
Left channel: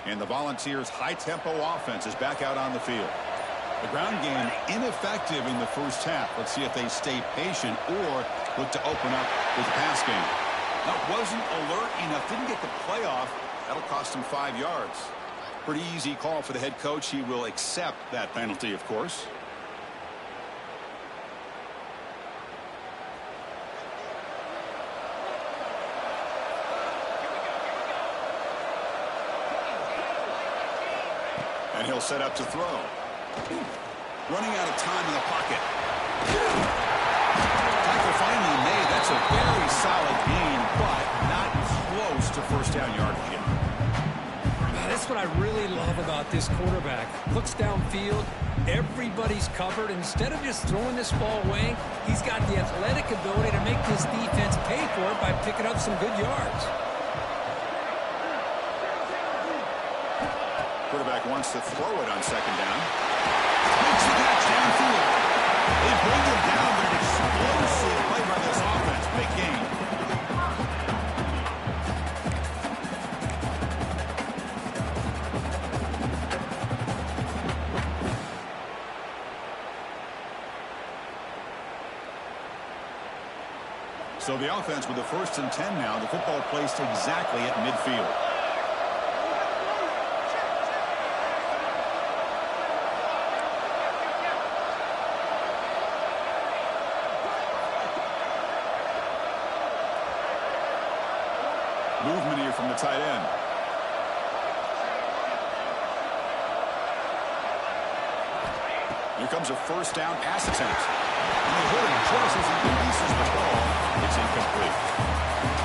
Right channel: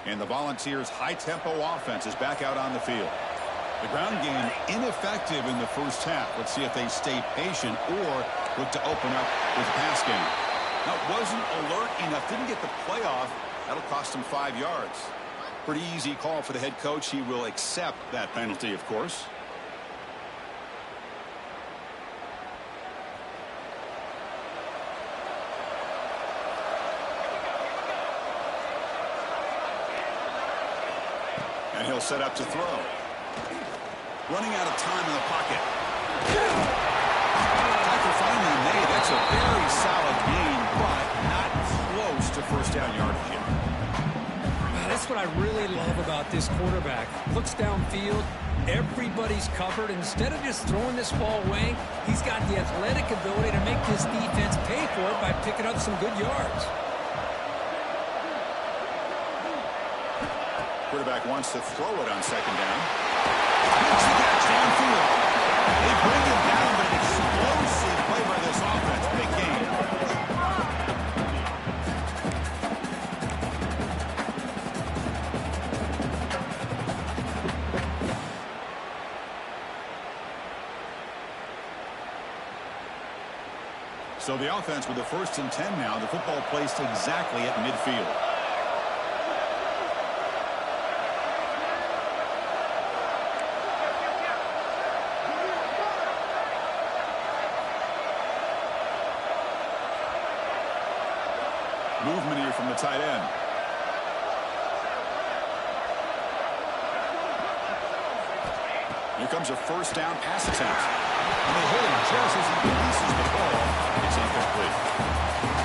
And the Volunteers' high-tempo offense is back out on the field. The ground game ineffective in the first half. Let's see if they stay patient or look to open up with the pass game. That wasn't alert enough. Didn't get the playoff. That'll cost him 5 yards. Pretty easy call for the head coach. He will accept that penalty, of course. And he'll set up to throw. Running out of time in the pocket. Tackle finally made. That's a very solid gain, but not close to first down yardage yet. That's what I really love about this quarterback. Looks downfield. Everybody's covered. Instead of just throwing this ball away, he's got the athletic ability to make this defense pay for it by picking up some good yards. Quarterback wants to throw it on second down. Makes the catch downfield. They bring him down, but an explosive play by this offense. Big gain. So the offense with the 1st and 10 now. The football placed exactly at midfield. Movement here from the tight end. Here comes a first down pass attempt. And they hit him just as he releases the ball. It's incomplete.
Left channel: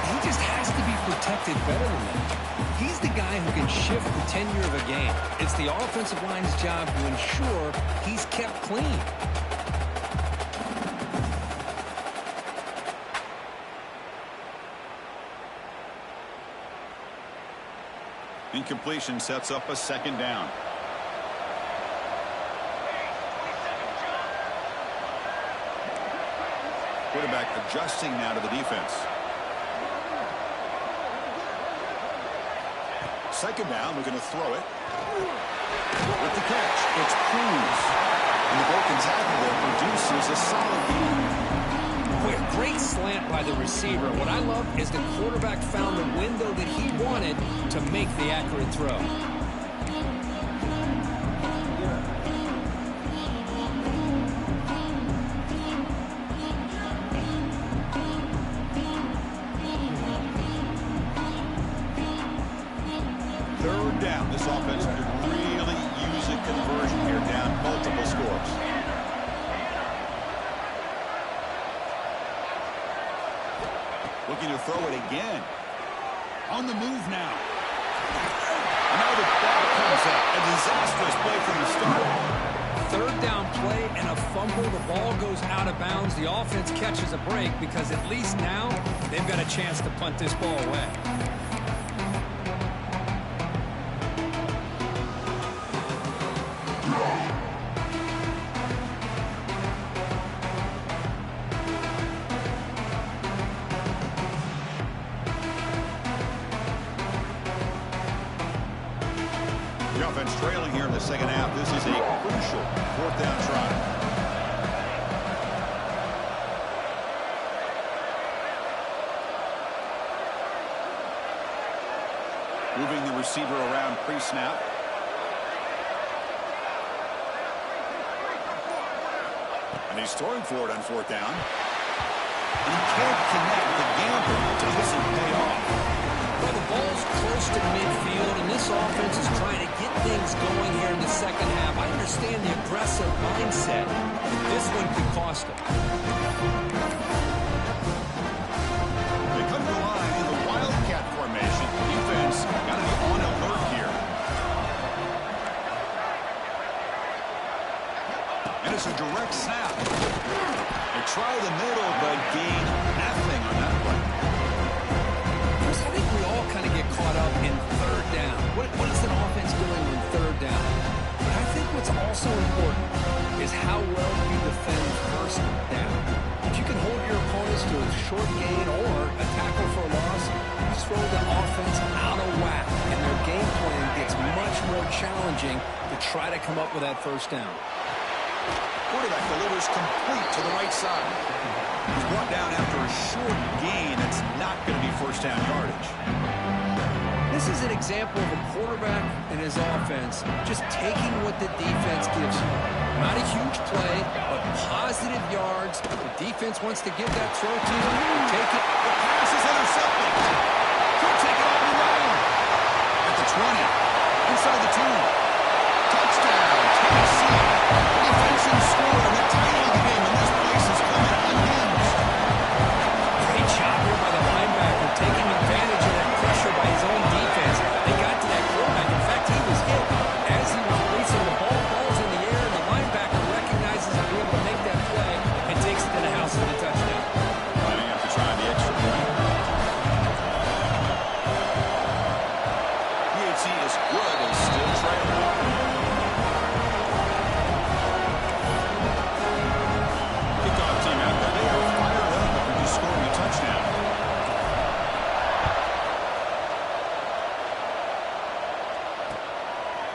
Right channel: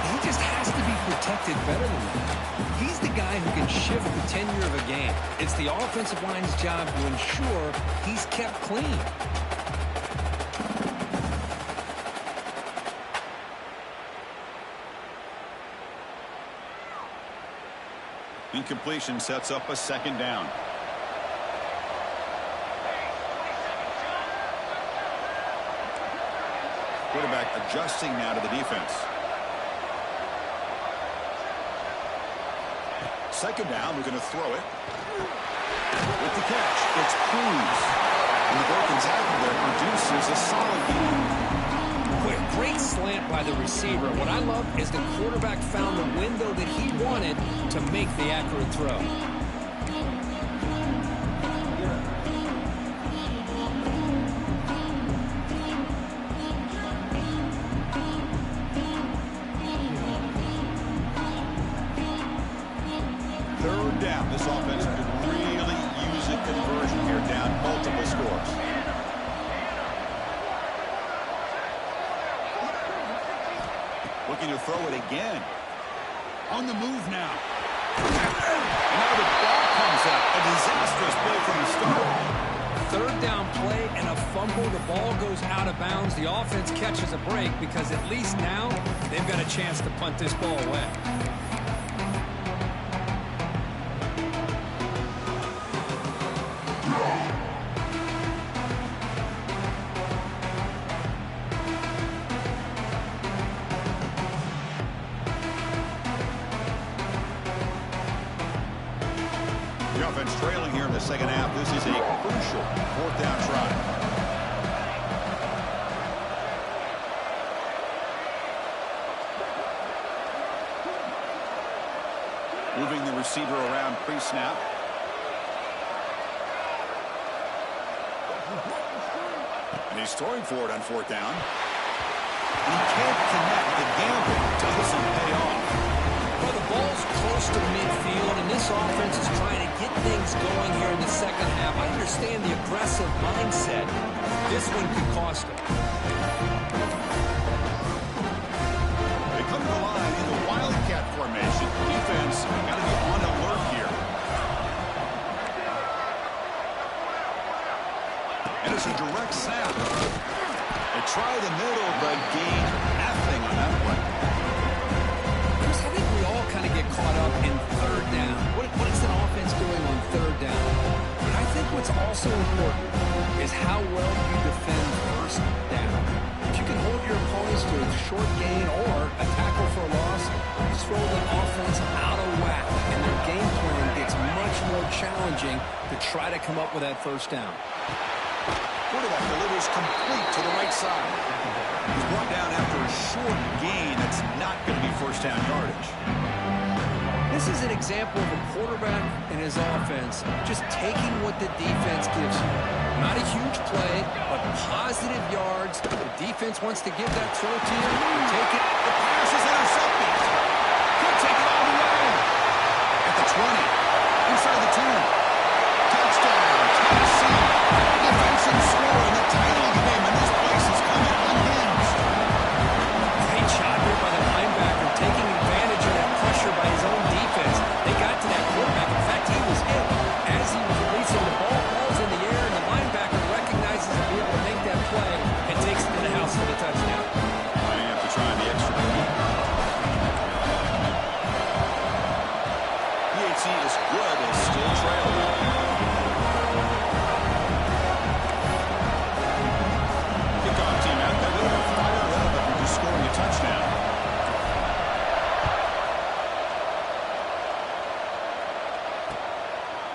He just has to be protected better than that. He's the guy who can shift the tenure of a game. It's the offensive line's job to ensure he's kept clean. Incompletion sets up a second down. Quarterback adjusting now to the defense. Second down, we're going to throw it. With the catch, it's Cruz. And the broken tackle there produces a solid gain. Boy, a great slant by the receiver. What I love is the quarterback found the window that he wanted to make the accurate throw. Third down. This offense could really use a conversion here, down multiple scores. Looking to throw it again. On the move now. And now the ball comes out. A disastrous play from the start. Third down play and a fumble. The ball goes out of bounds. The offense catches a break because at least now they've got a chance to punt this ball away. The offense trailing here in the second half. This is a crucial fourth down try. Moving the receiver around pre-snap. And he's throwing for it on fourth down. And he can't connect. The gamble doesn't pay off. Well, the ball's close to midfield, and this offense is trying to get things going here in the second half. I understand the aggressive mindset, but this one could cost them. They come to the line in the Wildcat formation. Defense got to be on alert here. And it's a direct snap. They try the middle, but gain nothing on that play. I think we all kind of get caught up in third down. What is an offense doing on third down? But I think what's also important is how well you defend first down. If you can hold your opponents to a short gain or a tackle for a loss, you throw the offense out of whack, and their game plan gets much more challenging to try to come up with that first down. Quarterback delivers complete to the right side. He's brought down after a short gain. That's not going to be first down yardage. This is an example of a quarterback and his offense just taking what the defense gives you. Not a huge play, but positive yards. The defense wants to give that throw to you. You take it. The pass is intercepted. Could take it all the way. At the 20. Inside the 2. Touchdown, Tennessee. Defensive score in the title game, and this place is coming unhinged. Great job here by the linebacker, taking advantage of that pressure by his own defense. They got to that quarterback. In fact, he was hit as he was releasing the ball. Ball's in the air, and the linebacker recognizes to be able to make that play and takes it to the house for the touchdown. Lining up to try the extra point. PAT is good. They still trail, though. Kickoff team out there. They are fired up after just scoring a touchdown.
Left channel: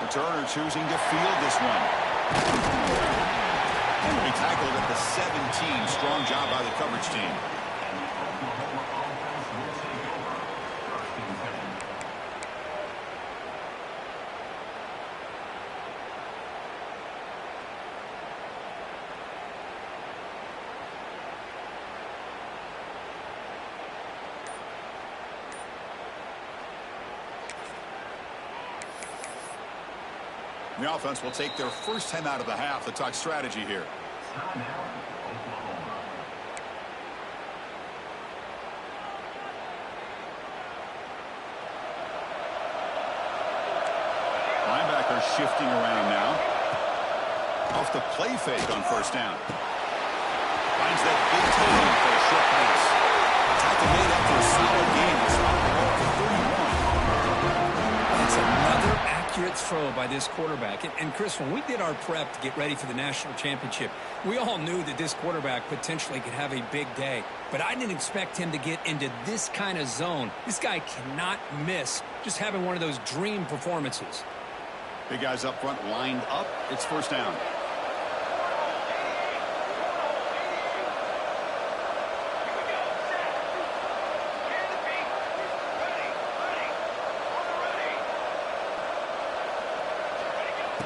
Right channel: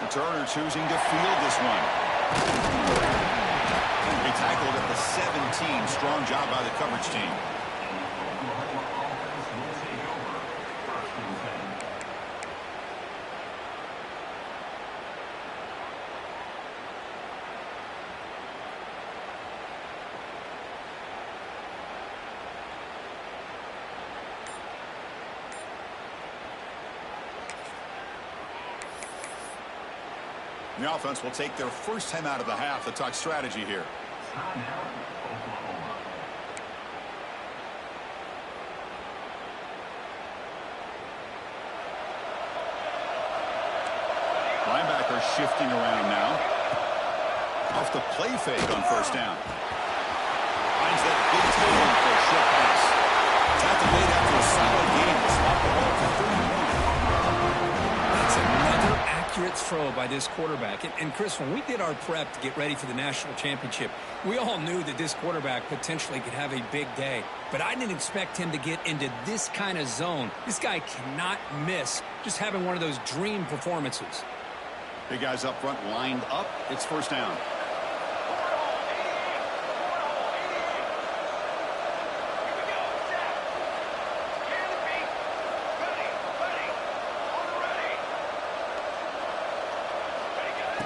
Returner choosing to field this one. They tackled at the 17. Strong job by the coverage team. The offense will take their first time out of the half to talk strategy here. Linebacker shifting around now. Off the play fake on first down. Finds that big tight end for a short pass. Tackle made after a solid game to spot the ball for 31. That's another accurate throw by this quarterback. And Chris, when we did our prep to get ready for the national championship, we all knew that this quarterback potentially could have a big day. But I didn't expect him to get into this kind of zone. This guy cannot miss just having one of those dream performances. Big guys up front lined up. It's first down.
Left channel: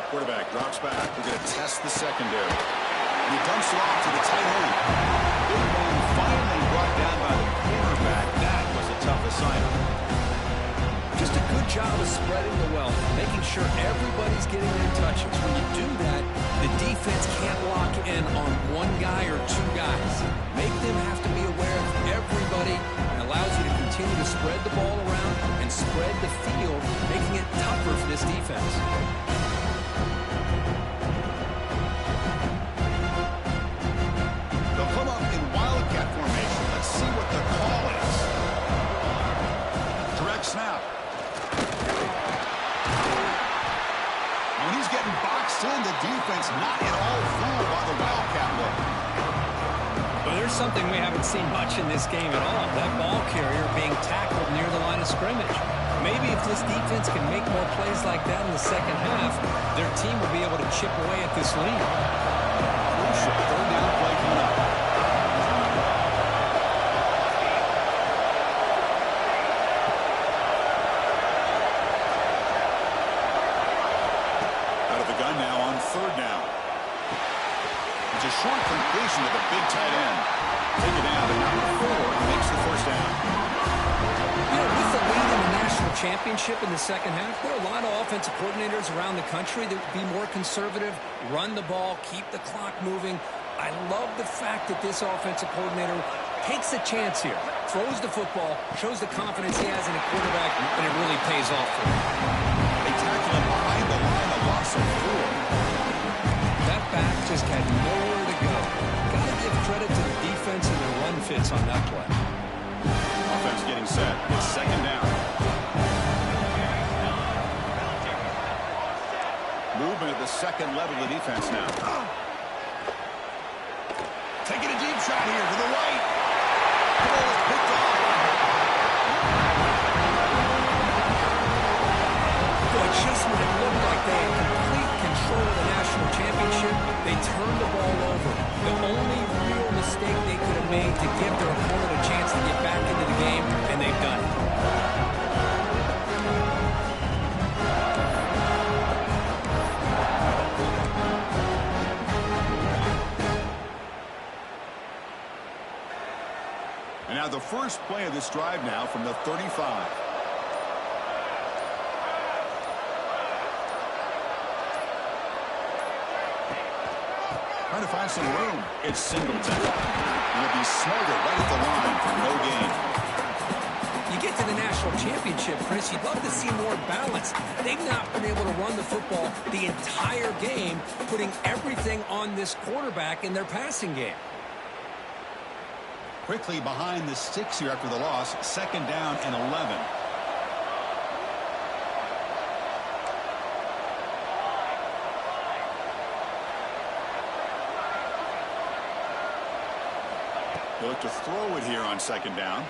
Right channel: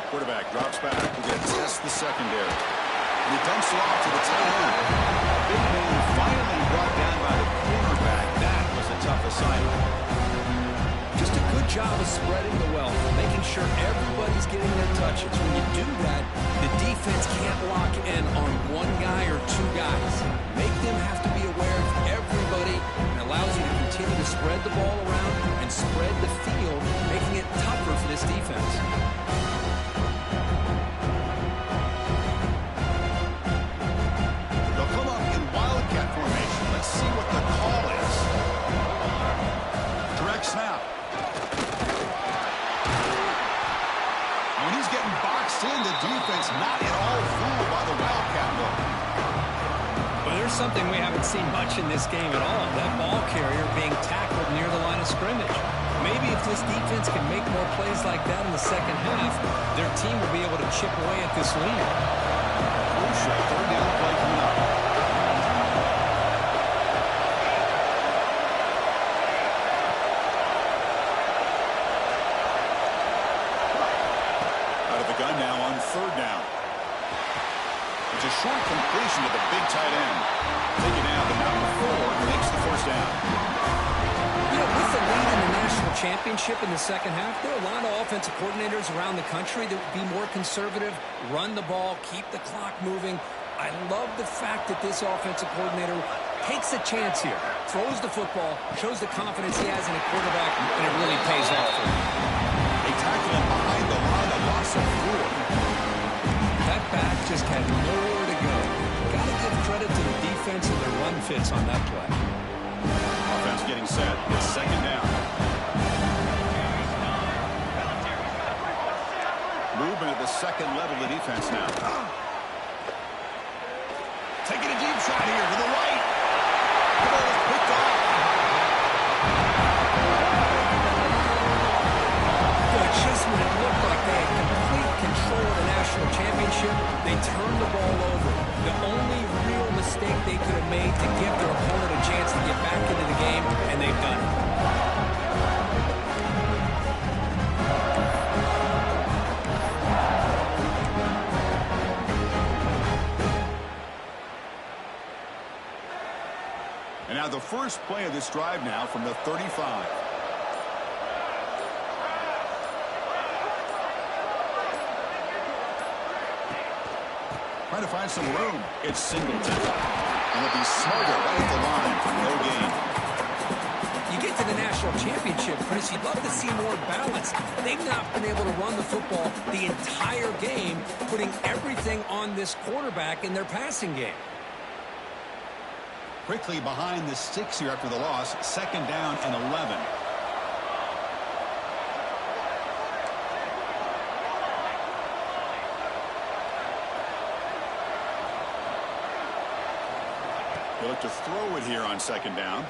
Quarterback drops back. We're going to test the secondary. And he dumps it off to the tight end. Big man finally brought down by the cornerback. That was a tough assignment. Just a good job of spreading the wealth, making sure everybody's getting their touches. When you do that, the defense can't lock in on one guy or two guys. Make them have to be aware of everybody, and allows you to continue to spread the ball around and spread the field, making it tougher for this defense. They'll come up in wildcat formation. Let's see what the call is. Direct snap. When he's getting boxed in, the defense not at all fooled by the wildcat look. Well, there's something we haven't seen much in this game at all. That ball carrier being tackled near the line of scrimmage. Maybe if this defense can make more plays like that in the second half, their team will be able to chip away at this lead. Crucial third down play coming up. Out of the gun now on third down. It's a short completion to the big tight end. Take it down to number 4. Makes the first down. You know, with the lead in the national championship in the second half, there are a lot of offensive coordinators around the country that would be more conservative, run the ball, keep the clock moving. I love the fact that this offensive coordinator takes a chance here, throws the football, shows the confidence he has in a quarterback, and it really pays off for him. They tackle him behind the line, a loss of 4. That back just had nowhere to go. Got to give credit to the defense and their run fits on that play. Offense getting set. It's second down. Movement at the second level of defense now. Taking a deep shot here to the right. The ball is picked off. Boy, just when it looked like they had complete control of the national championship, they turned the ball over. The only real mistake they could have made to give their opponent a chance to get back into the game, and they've done it. And now the first play of this drive now from the 35. Trying to find some room. It's Singleton. And they'll be smarter right at the line for no gain. You get to the national championship, Chris, you'd love to see more balance. They've not been able to run the football the entire game, putting everything on this quarterback in their passing game. Quickly behind the sticks here after the loss. Second down and 11. They look to throw it here on second down.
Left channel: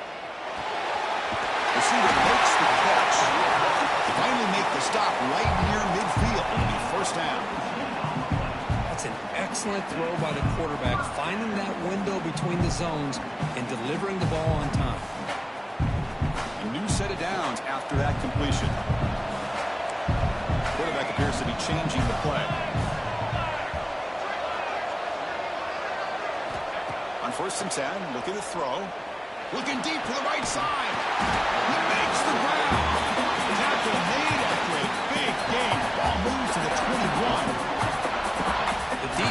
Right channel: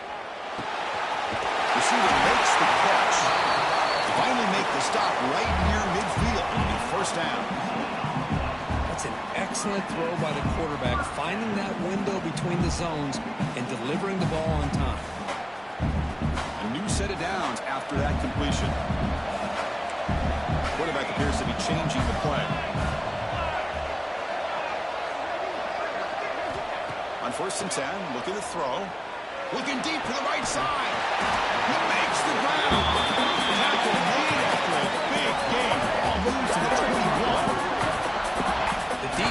Receiver makes the catch. They finally make the stop right near midfield. It'll be first down. That's an excellent throw by the quarterback, finding that window between the zones and delivering the ball on time. A new set of downs after that completion. Quarterback appears to be changing the play. On first and 10, looking to throw. Looking deep to the right side. He makes the ground. Tackle made after a big gain. Ball moves to the 21.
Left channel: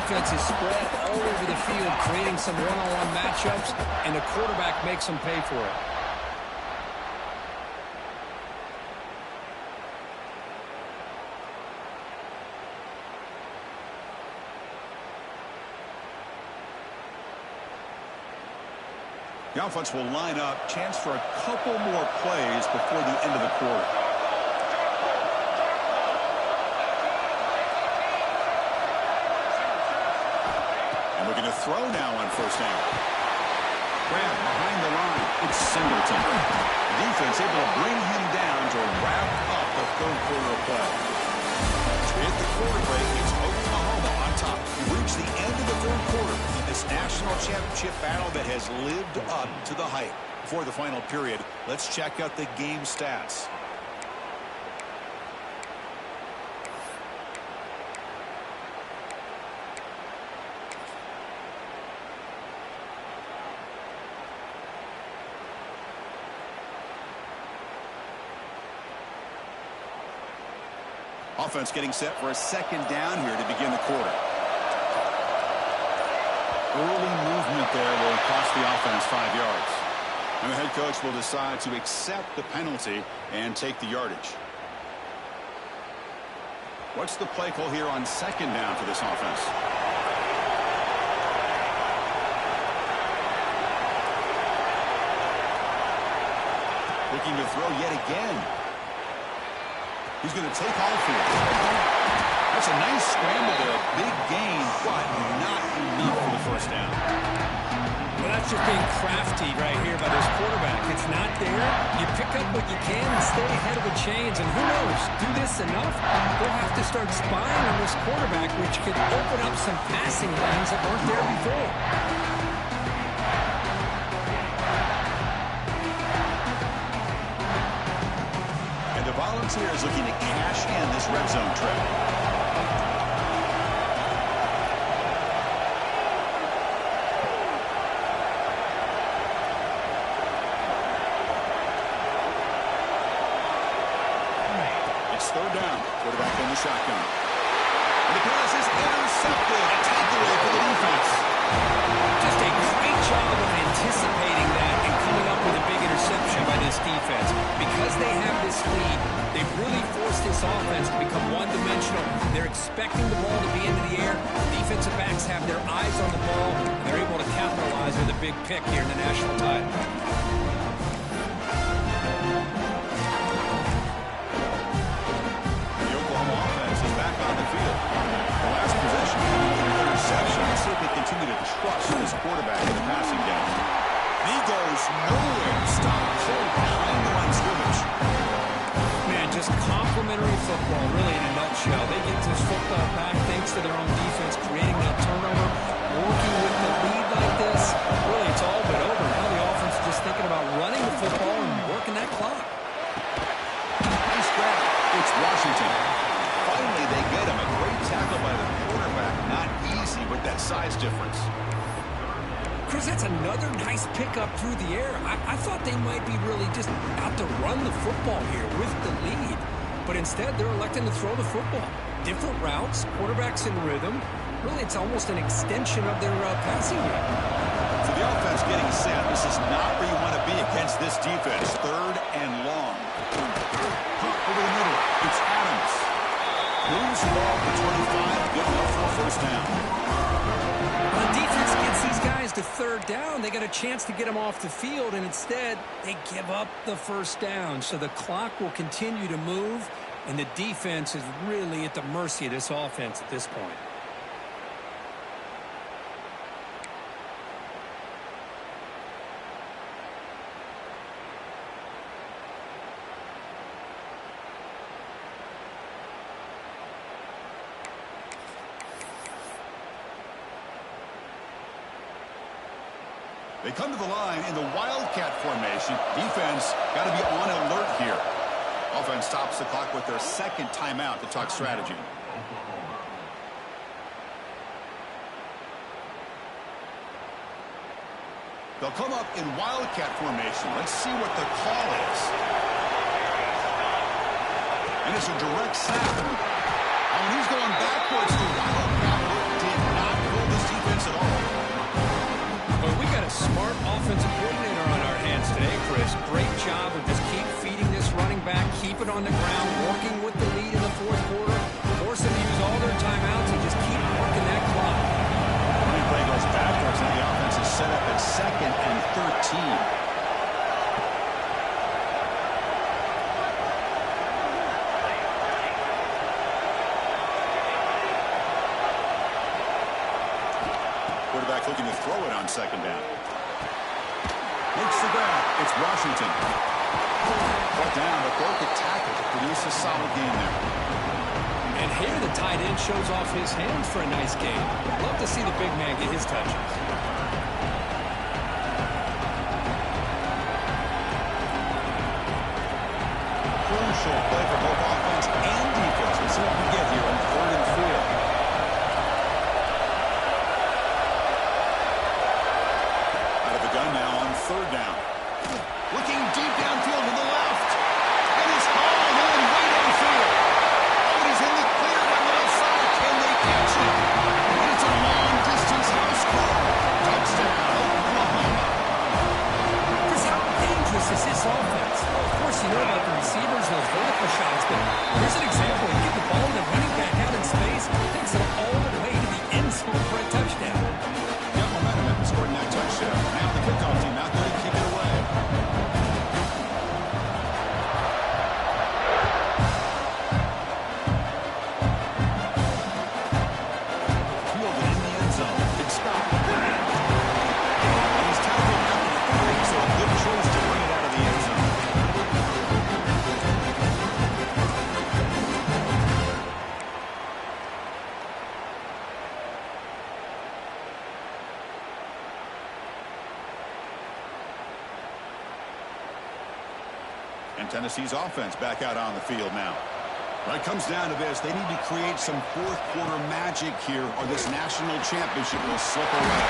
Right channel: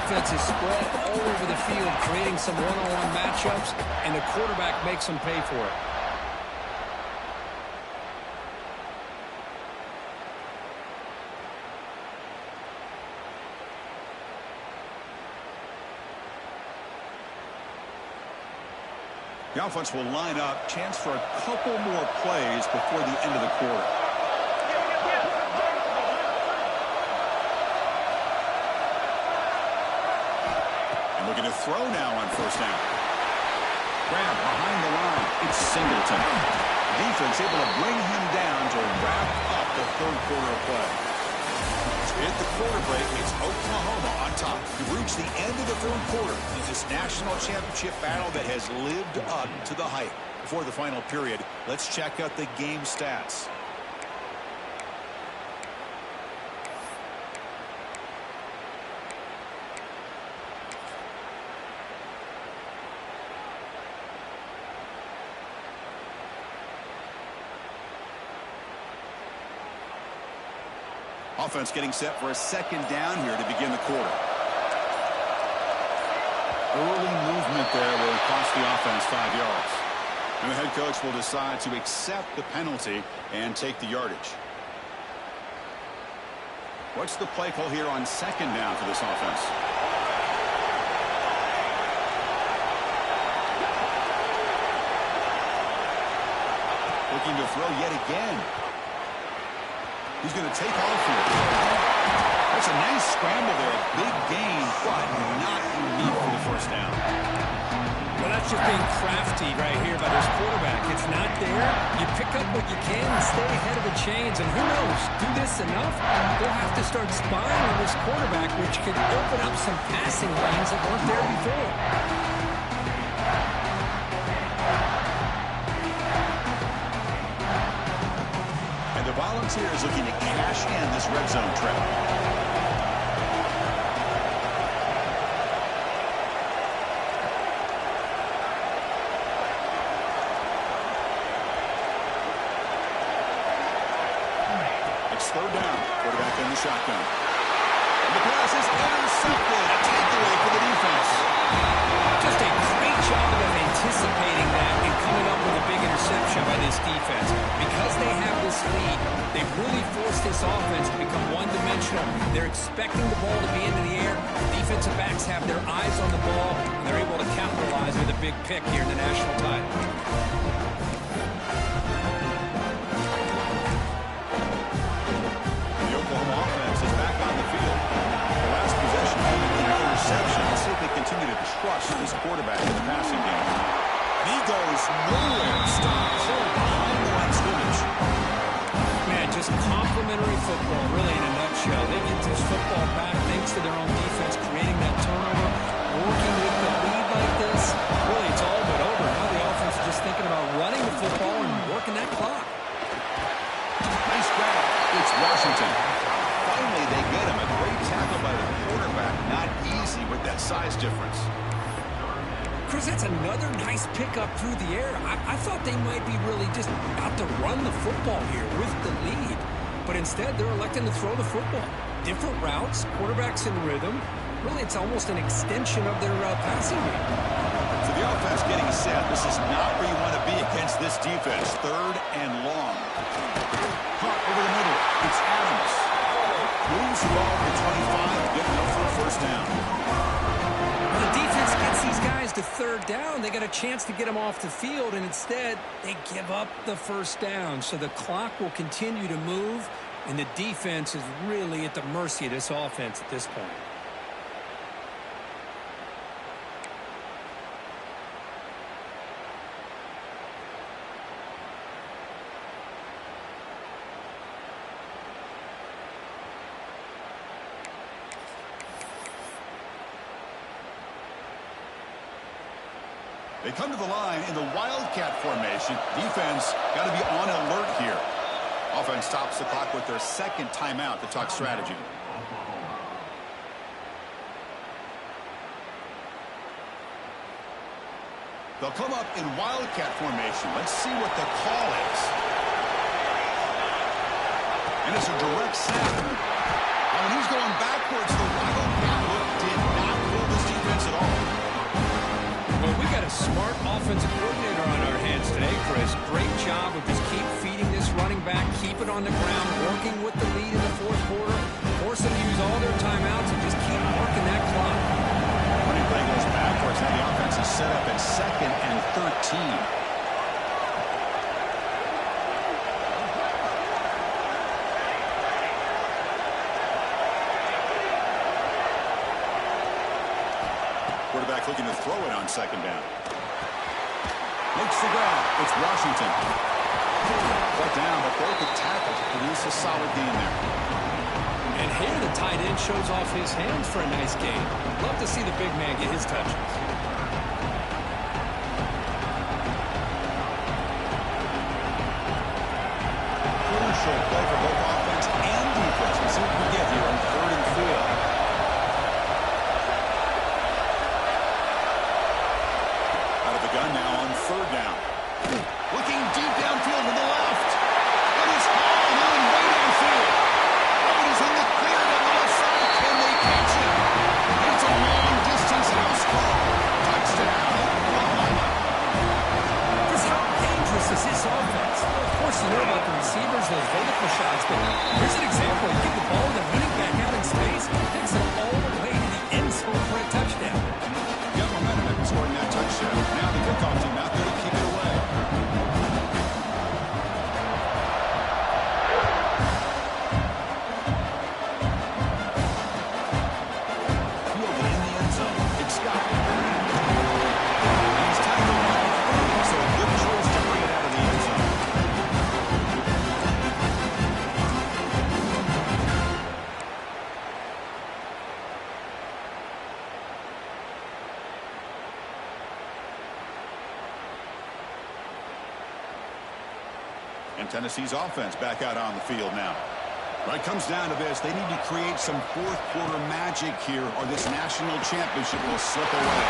defense is spread all over the field, creating some one-on-one matchups, and the quarterback makes them pay for it. The offense will line up. Chance for a couple more plays before the end of the quarter. And looking to throw now on first down. Grab behind the line. It's Singleton. Defense able to bring him down to wrap up the third quarter of play. As we hit the quarter break, it's Oklahoma on top. We reach the end of the third quarter in this national championship battle that has lived up to the hype. Before the final period, let's check out the game stats. Offense getting set for a second down here to begin the quarter. Early movement there will cost the offense 5 yards. And the head coach will decide to accept the penalty and take the yardage. What's the play call here on second down for this offense? Looking to throw yet again. He's going to take off here. That's a nice scramble there. A big gain, but not enough for the first down. Well, that's just being crafty right here by this quarterback. It's not there. You pick up what you can and stay ahead of the chains. And who knows, do this enough, they'll have to start spying on this quarterback, which could open up some passing lanes that weren't there before. The Volunteers looking to cash in this red zone trip. It's third down. Quarterback in the shotgun. And the pass is intercepted. A takeaway for the defense. Just a great job of anticipating that and coming up with a big interception by this defense. Because they have this lead, they've really forced this offense to become one-dimensional. They're expecting the ball to be into the air. Defensive backs have their eyes on the ball, and they're able to capitalize with a big pick here in the national title. The Oklahoma offense is back on the field. The last possession had an interception. Let's see if they continue to trust this quarterback in the passing game. And he goes nowhere. Stop cold behind the line of scrimmage. Man, just complimentary football, really, in a nutshell. They get this football back thanks to their own defense, creating that turnover, working with the lead like this. Really, it's all but over. Now the offense is just thinking about running the football and working that clock. Nice grab. It's Washington. Finally, they get him. A great tackle by the quarterback. Not easy with that size difference. Chris, that's another nice pickup through the air. I thought they might be really just out to run the football here with the lead. But instead, they're electing to throw the football. Different routes, quarterbacks in rhythm. Really, it's almost an extension of their passing game. So the offense getting set. This is not where you want to be against this defense. Third and long. Hunt over the middle. It's Adams. Moves the ball to 25. Good enough for a first down. Well, the defense gets these guys to third down. They got a chance to get them off the field, and instead, they give up the first down. So the clock will continue to move, and the defense is really at the mercy of this offense at this point. They come to the line in the Wildcat formation. Defense got to be on alert here. Offense stops the clock with their second timeout to talk strategy. They'll come up in Wildcat formation. Let's see what the call is. And it's a direct snap. Oh, and he's going backwards. The Wildcat look did not this defense at all. Well, we got a smart offensive coordinator on our hands today, Chris. Great job of just keep feeding this running back, keep it on the ground, working with the lead in the fourth quarter, force them to use all their timeouts, and just keep working that clock. Running play goes backwards. Now the offense is set up at 2nd and 13. Quarterback looking to throw it on 2nd down. Makes the grab. It's Washington. Brought down, but broke a tackle to produce a solid gain there. And here the tight end shows off his hands for a nice gain. Love to see the big man get his touches. Crucial play for both offense and defense. We'll see what we get here on 3rd and field. Out of the gun now on 3rd down. Looking deep downfield to the left. And it's hauled in way downfield. Oh, he's in the clear down the left side. Can they catch him? And it's a long-distance house call. Touchdown, Oklahoma. Chris, how dangerous is this offense? Well, of course, you know about the receivers, those vertical shots, but here's an example. You get the ball to the running back out in space, takes it all the way to the end zone for a touchdown. Got momentum after scoring that touchdown. Now the kickoff team out there to kick it away. Fielded in the end zone. It's Scott. And he's tackled at the 30, so a good choice to bring it out of the end zone. And Tennessee's offense back out on the field now. When it comes down to this, they need to create some fourth quarter magic here or this national championship will slip away.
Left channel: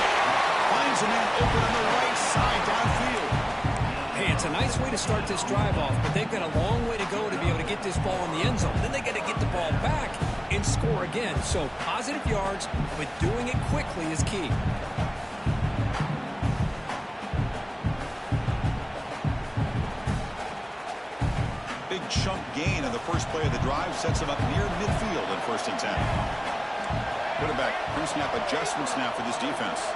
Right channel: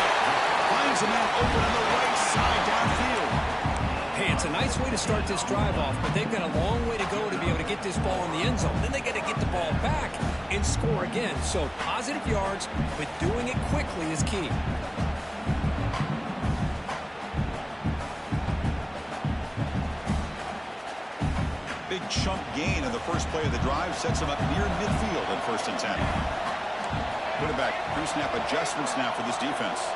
Finds a man open on the right side downfield. Hey, it's a nice way to start this drive off, but they've got a long way to go to be able to get this ball in the end zone. Then they got to get the ball back and score again. So positive yards, but doing it quickly is key. Big chunk gain on the first play of the drive sets him up near midfield in 1st and 10. Quarterback pre-snap adjustments now for this defense.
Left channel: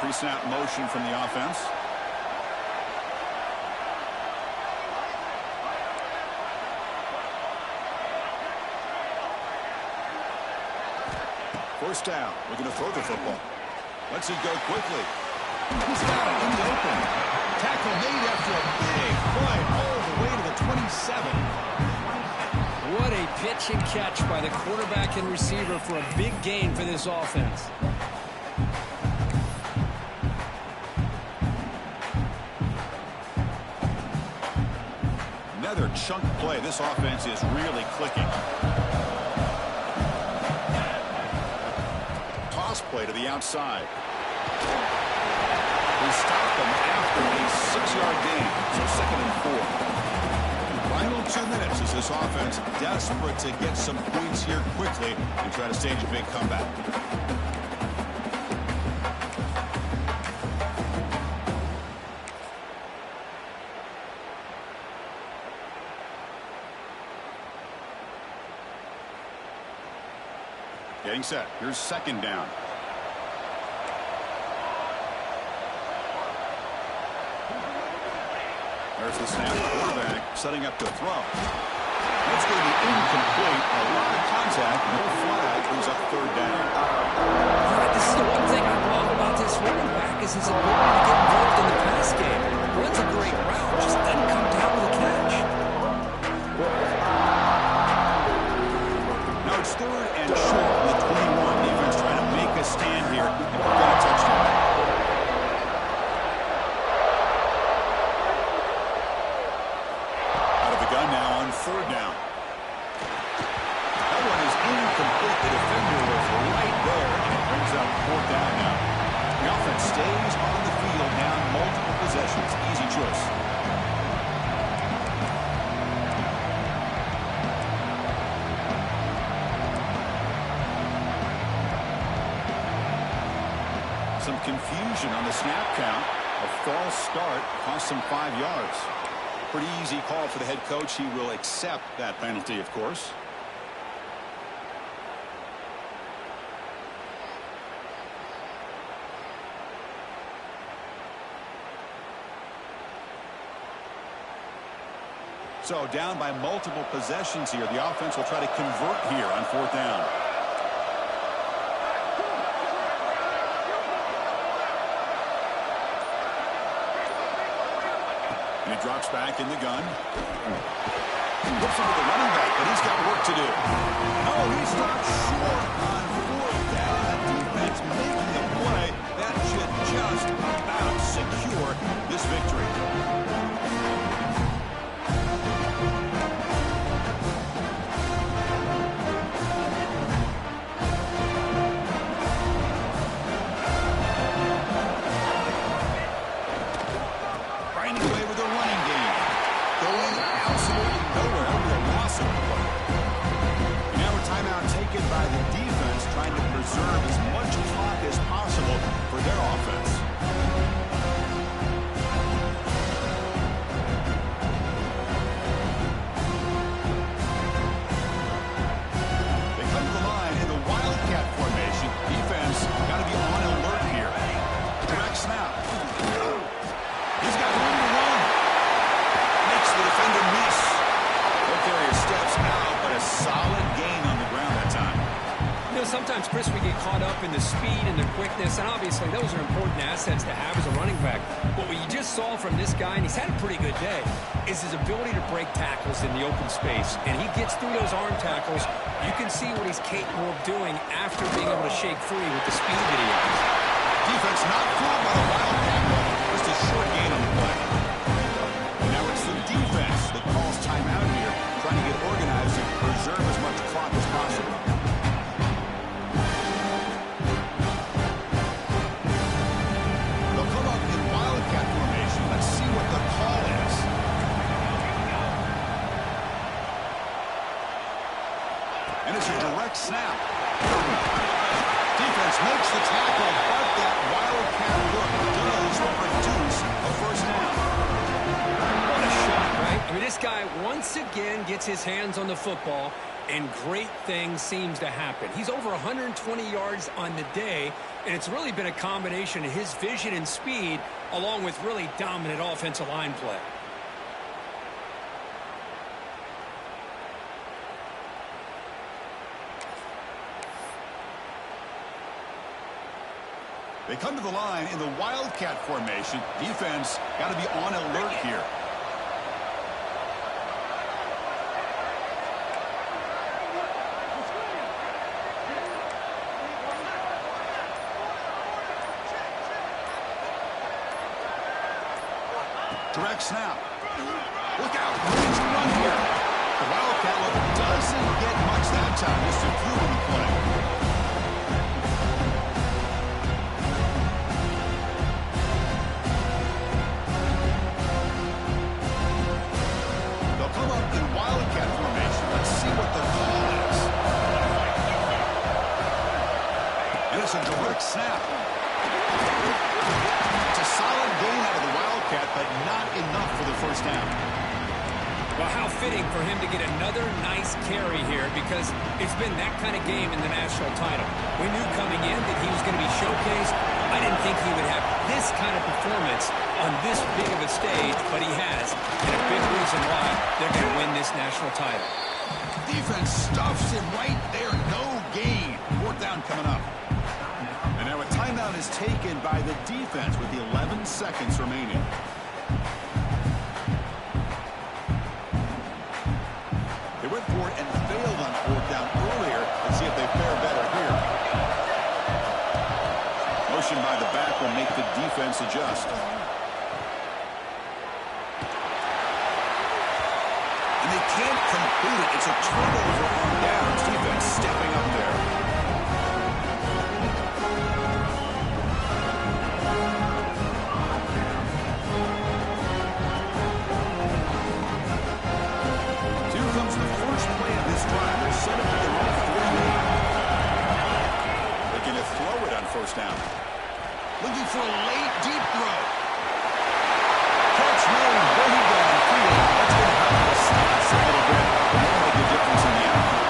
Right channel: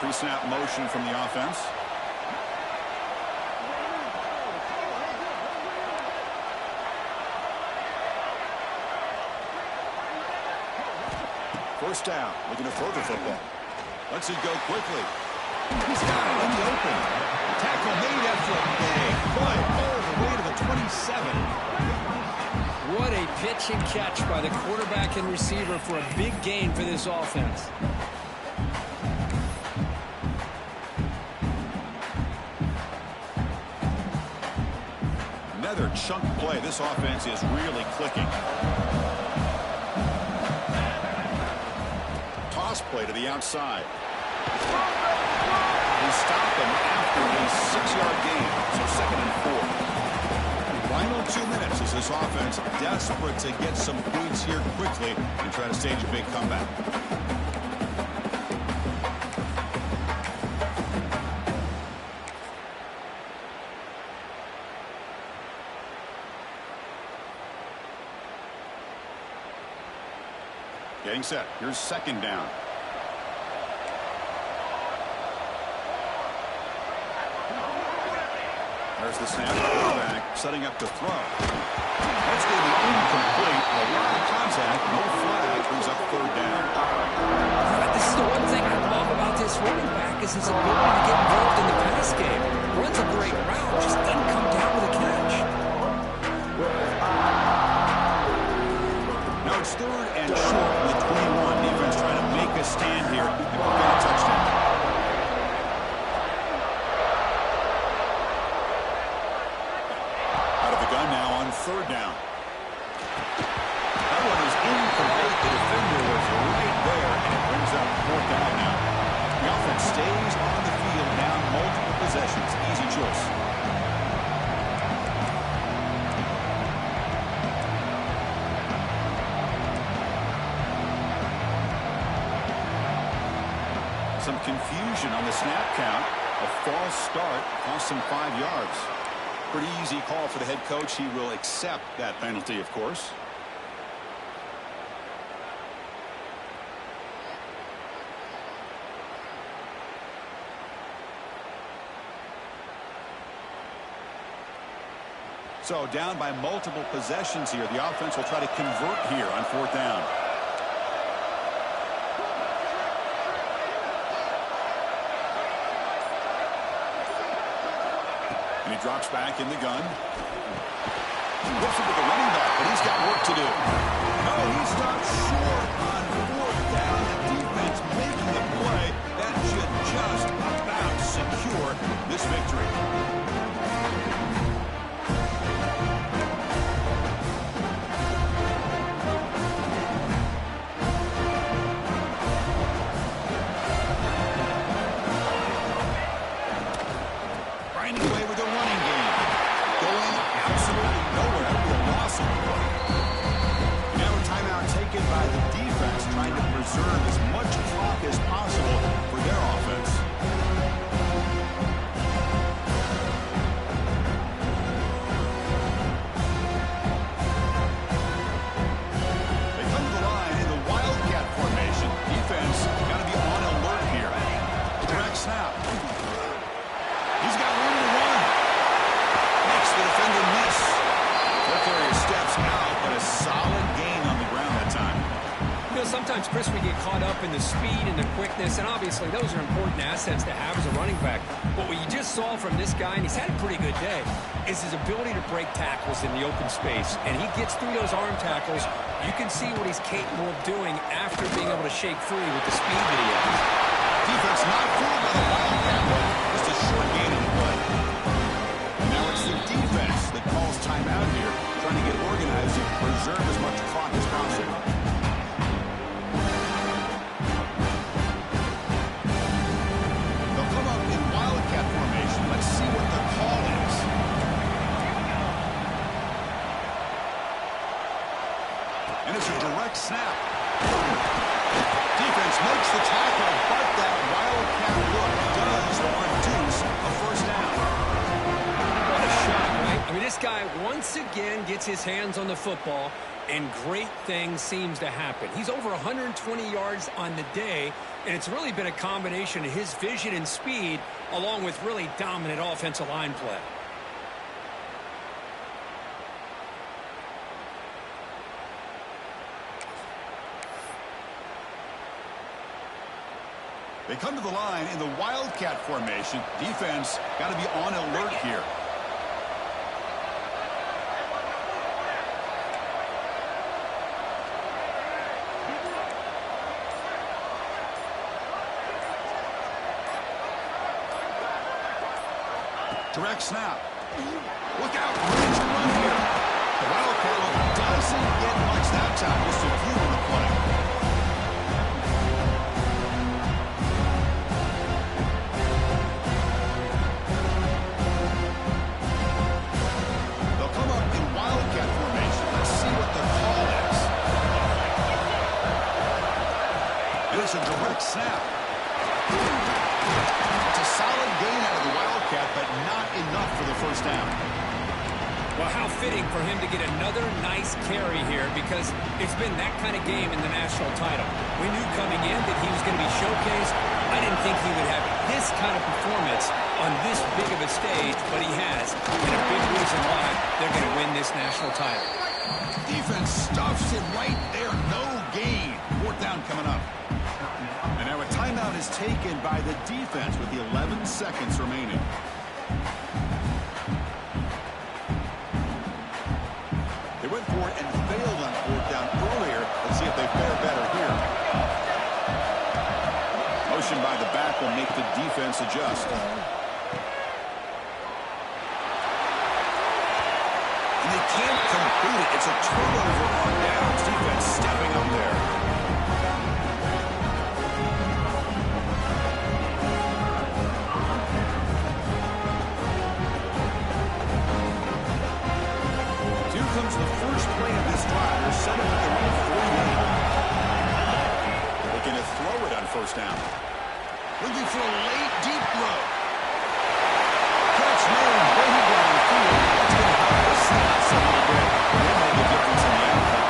Pre-snap motion from the offense. First down, looking to throw the football. Lets it go quickly. He's got it in the open. Tackle made after a big play all the way to the 27. What a pitch and catch by the quarterback and receiver for a big gain for this offense. Another chunk play. This offense is really clicking. Toss play to the outside. They stop them after a 6-yard gain, so 2nd and 4. Final 2 minutes as this offense desperate to get some points here quickly and try to stage a big comeback. Getting set. Here's 2nd down. There's the snap. Quarterback setting up to throw. That's going to be incomplete. A lot of contact. No flag. Brings up 3rd down. This is the one thing I love about this running back is his ability to get involved in the pass game. Runs a great route. Just doesn't come down with a catch. Now it's 3rd and short from the 21. Defense trying to make a stand here and prevent a touchdown. Gun now on 3rd down. That one is incomplete. The defender was right there, and it brings up 4th down now. The offense stays on the field now, multiple possessions. Easy choice. Some confusion on the snap count. A false start cost him 5 yards. Pretty easy call for the head coach. He will accept that penalty, of course. So down by multiple possessions here. The offense will try to convert here on 4th down. And he drops back in the gun. Whoops it with the running back, but he's got work to do. No, he stopped short on 4th down. The defense making the play. That should just about secure this victory. Away with the running game. Going absolutely nowhere with a loss of the play. And now a timeout taken by the defense, trying to preserve as much clock as possible for their offense. They come to the line in the Wildcat formation. Defense got to be on alert here. Direct snap. He's got room to run. Makes the defender miss. Ball carrier steps out, but a solid gain on the ground that time. You know, sometimes, Chris, we get caught up in the speed and the quickness, and obviously those are important assets to have as a running back. But what you just saw from this guy, and he's had a pretty good day, is his ability to break tackles in the open space. And he gets through those arm tackles. You can see what he's capable of doing after being able to shake free with the speed that he has. Defense not fooled by the Wildcat look. Just a short gain on the play. And now it's the defense that calls timeout here, trying to get organized and preserve as much clock as possible. They'll come up in Wildcat formation. Let's see what the call is. And it's a direct snap. Defense makes the tackle, but that Wildcat look does produce a 1st down. What a shot, right? I mean, this guy once again gets his hands on the football, and great things seems to happen. He's over 120 yards on the day, and it's really been a combination of his vision and speed, along with really dominant offensive line play. They come to the line in the Wildcat formation. Defense got to be on alert here. Direct snap. Look out, range to run here. The Wildcat look doesn't get much that time. Just a few on the play. Come up in Wildcat formation. Let's see what the call is. And it's a direct snap. It's a solid gain out of the Wildcat, but not enough for the 1st down. Well, how fitting for him to get another nice carry here, because it's been that kind of game in the national title. We knew coming in that he was going to be showcased. I didn't think he would have this kind of performance on this big of a stage, but he has, and a big reason why they're going to win this national title. Defense stuffs him right there. No gain. 4th down coming up. And now a timeout is taken by the defense with the 11 seconds remaining. They went for it and failed on 4th down earlier. Let's see if they fare better here. Motion by the back will make the defense adjust. And they can't complete it. It's a turnover on downs. Defense stepping up there. Here comes the first play of this drive. They're set up at their own 48. Looking to throw it on 1st down. Looking for a late, deep throw. Catch made way downfield. That's going to help the stats a little bit. Will make a difference in the outcome.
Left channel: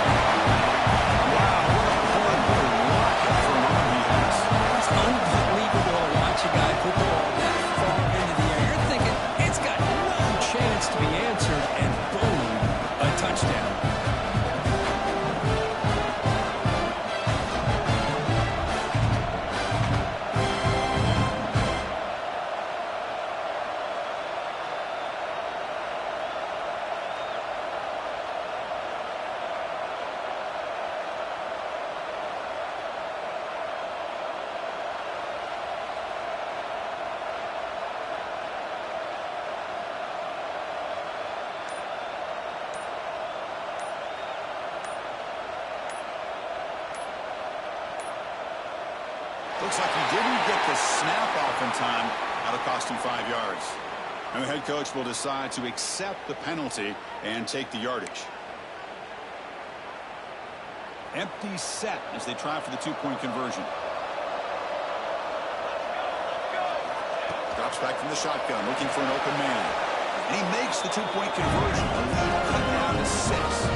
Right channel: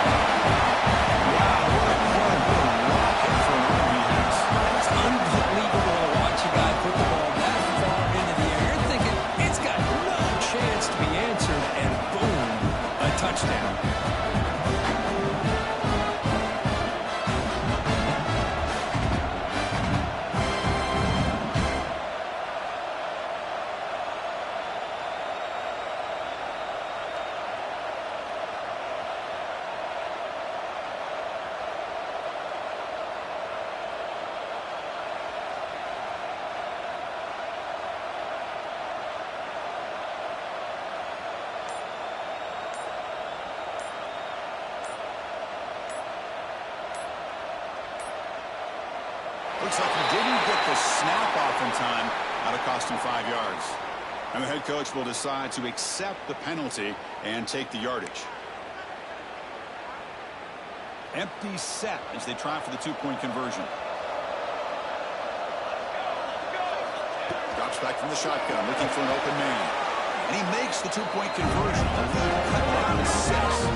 Wow, what a plug. What a rocket for an arm he has. It's unbelievable to watch a guy put the ball that far into the air. You're thinking it's got no chance to be answered, and boom, a touchdown. Looks like he didn't get the snap off in time. That'll cost him 5 yards. And the head coach will decide to accept the penalty and take the yardage. Empty set as they try for the two-point conversion. Drops back from the shotgun, looking for an open man. And he makes the two-point conversion. The lead cut down to 6.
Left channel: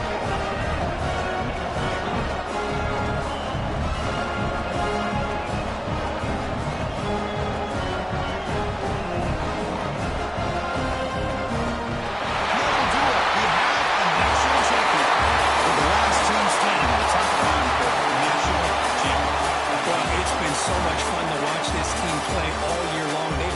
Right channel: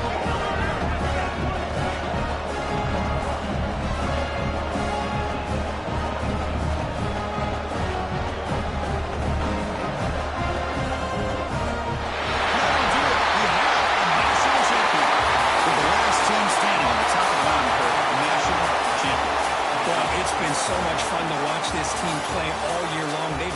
It's been so much fun to watch this team play all year long. They've